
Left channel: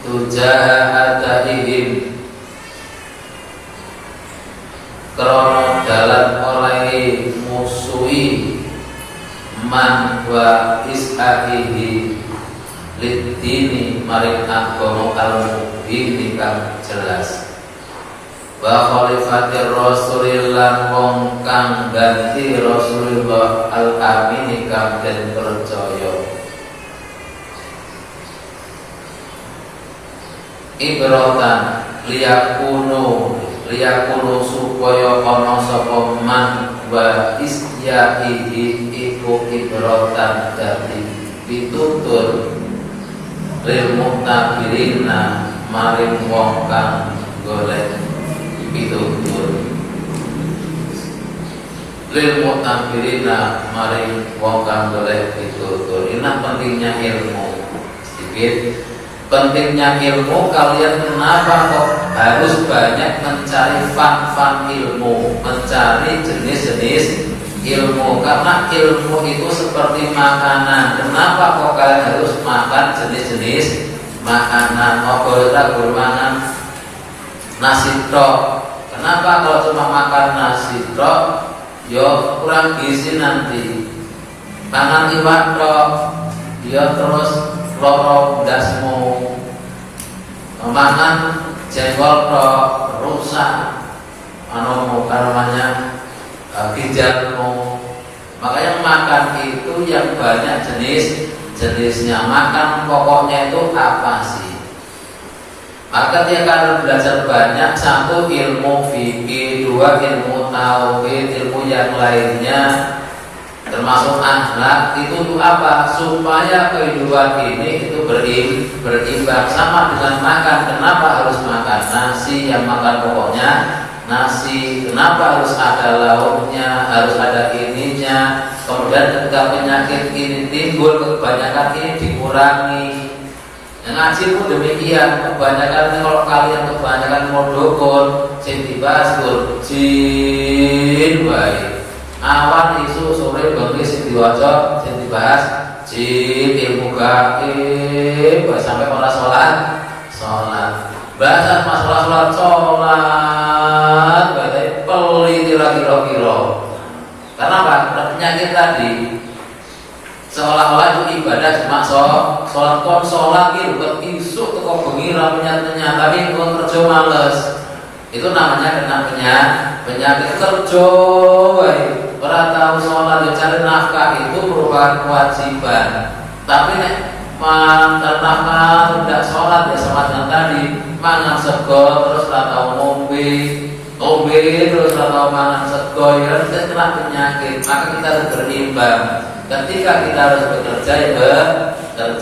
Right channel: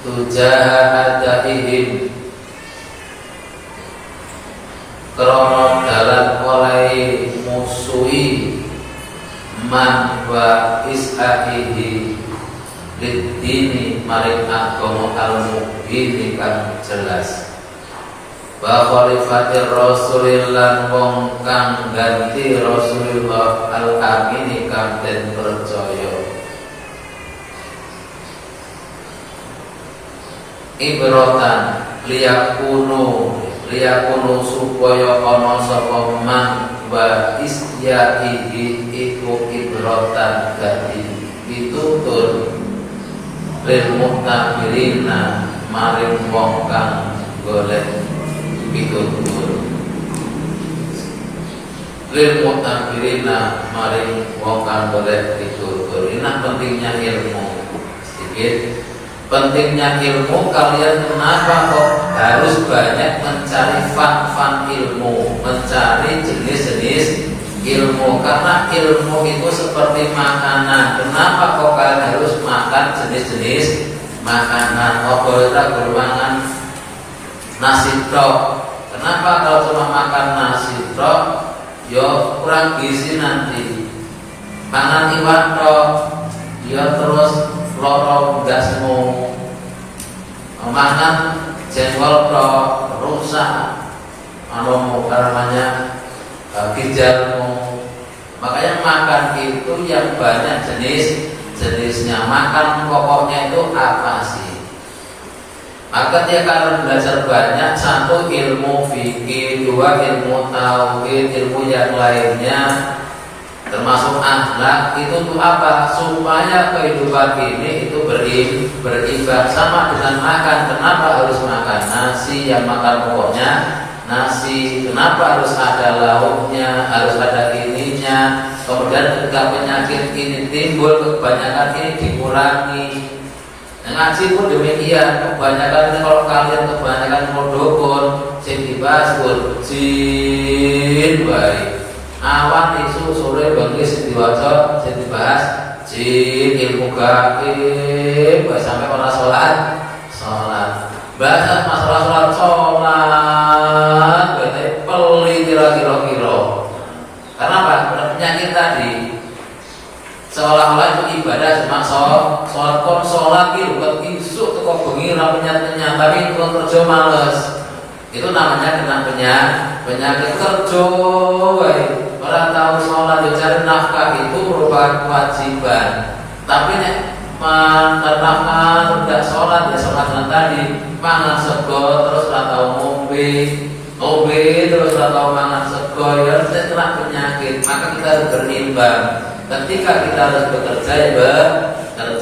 tujahadahihim krono dalan oleh musuhi man wa is'ahihi lidini maring agama al-mubini kang jelas wa khalifatir rasulillah wong kang ganti Rasulullah al-amini kang den percaya ibratan liyakunu supaya ana sapa man wa isyahihi iku ibratan dadi pitutur lil mutabirina maring wong kang golek pitutur lil mutabirina maring wong kang golek pitutur. Ini pentingnya ilmu. Sedikit pentingnya ilmu, kalian kenapa kok harus banyak mencari fan ilmu, mencari jenis-jenis ilmu? Karena ilmu itu seperti makanan. Kenapa kok kalian harus makan jenis-jenis makanan? Oh boleh makan nasi tok. Kenapa kalau cuma makan nasi tok? Yo kurang gizi nanti. Makan iwan tok, ya terus loro gasmu. Makan jengkol tok rusak. Namanya ginjalmu. Makanya makan itu yang banyak jenisnya. Makan pokoknya itu apa sih? Maka dia akan belajar banyak. Satu ilmu fikih, dua ilmu tauhid, ilmu yang lainnya termasuk akhlak. Itu tuh apa? Supaya kehidupan ini itu berimbang sama dengan makan. Kenapa harus makan nasi? Yang makan pokoknya nasi. Kenapa harus ada lauknya, harus ada ininya? Kemudian ketika penyakit ini timbul, kebanyakan ini dikurangi. Ngaji pun demikian. Kebanyakan kalau kalian kebanyakan mau dukun, sing dibahas jin baik. Awan isu sore bengi sing diwaca, sing dibahas jin, ilmu gaib, sampai orang sholat. Bahasa masalah sholat, berarti peli kira-kira. Karena apa? Penyakit tadi seolah-olah itu ibadah cuma sholat gitu, buat isu kok bengi menyat, tapi buat kerja males. Itu namanya kena penyakit kerja. Orang tahu sholat cari nafkah itu merupakan kewajiban. Tapi nek nafkah tidak sholat ya sama tadi, mangan sego terus atau ngombe terus atau mangan sego ya tidak kena penyakit. Maka kita harus berimbang. Ketika kita harus bekerja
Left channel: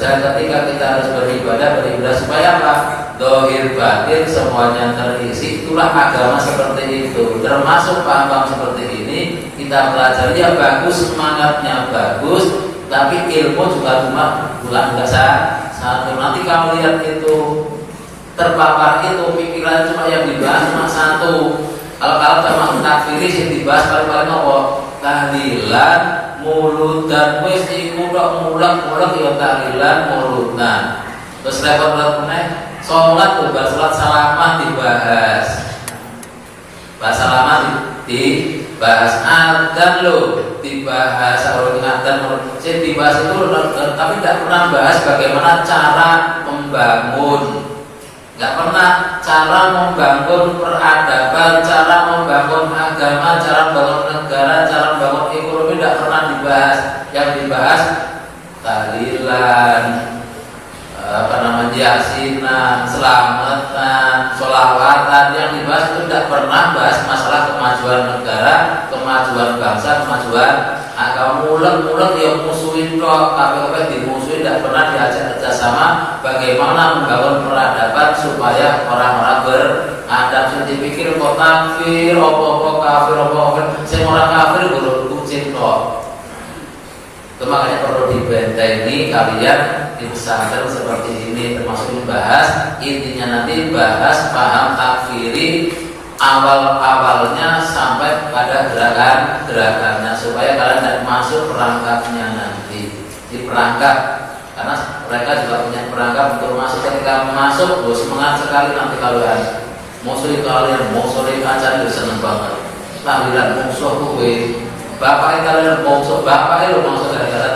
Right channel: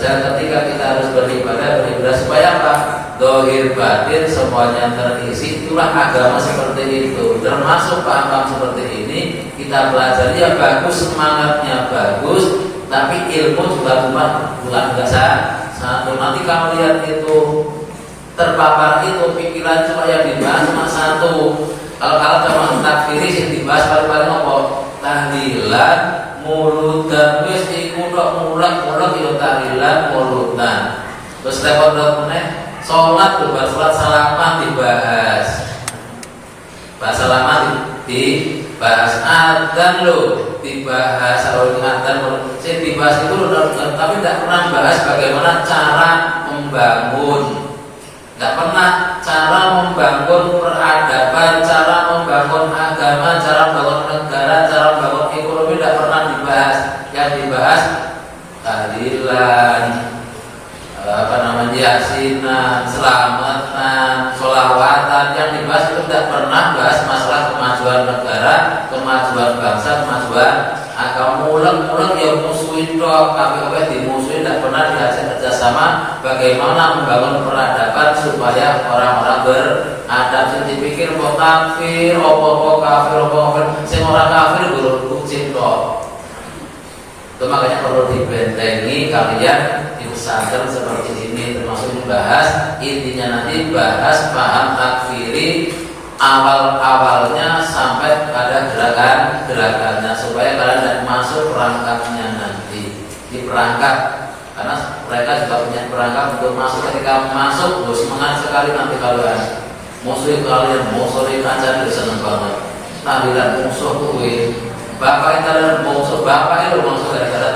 ketika kita harus beribadah supaya apa? Dohir batin semuanya terisi. Itulah agama seperti itu. Termasuk paham seperti ini kita pelajari ya bagus, semangatnya bagus, tapi ilmu juga bukan satu. Nanti kalau lihat itu terpapar itu pikiran cuma yang dibahas cuma satu. Kalau teman takfiris yang dibahas paling apa? Tahlilan, muludan, wis iku tok mulak ya tahlilan, muludan. Terus repot meneh sholat salamah dibahas. Bahasa lama dibahas, adzan lo dibahas, kalau adzan saya dibahas itu, tapi tidak pernah bahas bagaimana cara membangun. Tidak pernah cara membangun peradaban, cara membangun agama, cara membangun negara, cara membangun ekonomi, tidak pernah dibahas. Yang dibahas tahlilan, yasinan, selamatan, sholawatan. Yang dibahas itu tidak pernah bahas masalah kemajuan negara, kemajuan bangsa, kemajuan agama. Mulek yang musuhin dok, kabeh dimusuhin, tidak pernah diajak kerjasama bagaimana membangun peradaban supaya orang-orang beradab. Jadi dipikir kok kafir, kafir, sing ora kafir guru cinta. Itu makanya perlu dibentengi kalian di pesantren seperti ini, termasuk membahas intinya nanti bahas paham takfiri awal-awalnya sampai pada gerakannya supaya kalian tidak masuk perangkatnya nanti di perangkat, karena mereka juga punya perangkat untuk masuk. Ketika masuk semangat sekali nanti kalian musuhi kancah itu seneng banget tahlilan musuh kuwi bapaknya kalian musuh bapaknya lu maksud gara-gara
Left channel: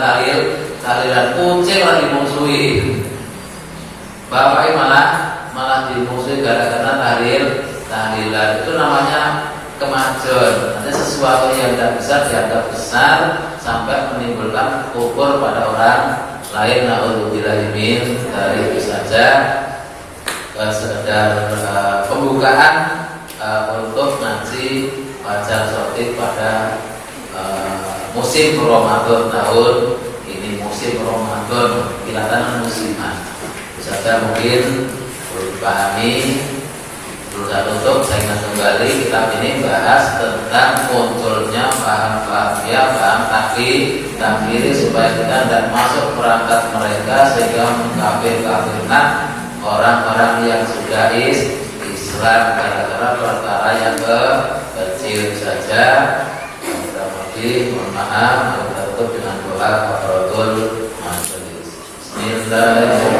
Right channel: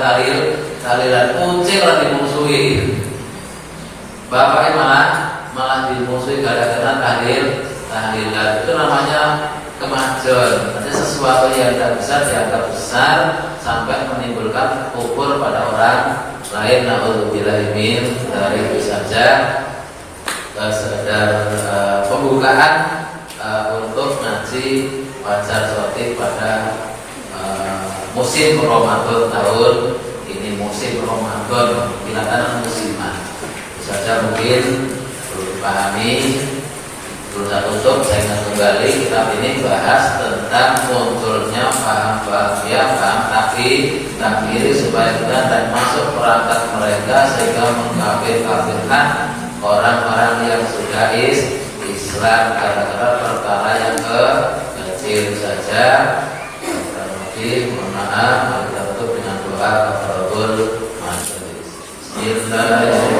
tahlilan kucing lah dimusuhi, bapaknya malah dimusuhi gara-gara tahlilan. Itu namanya kemajuan. Ada sesuatu yang tidak bisa dianggap besar sampai menimbulkan kufur pada orang lain. Naudzubillah min dari itu saja sekedar pembukaan untuk ngaji wajar sotik pada musim Ramadan tahun ini, musim Ramadan kelihatannya musiman. Itu saja mungkin perlu dipahami. Berusaha tutup, saya ingat kembali kitab ini bahas tentang munculnya paham takfiri supaya kita tidak masuk perangkat mereka sehingga mengkafir-kafirkan orang-orang yang sudah Islam gara-gara perkara yang kecil saja. Kita mohon maaf, kita tutup dengan doa kafaratul majelis. Bismillahirrahmanirrahim.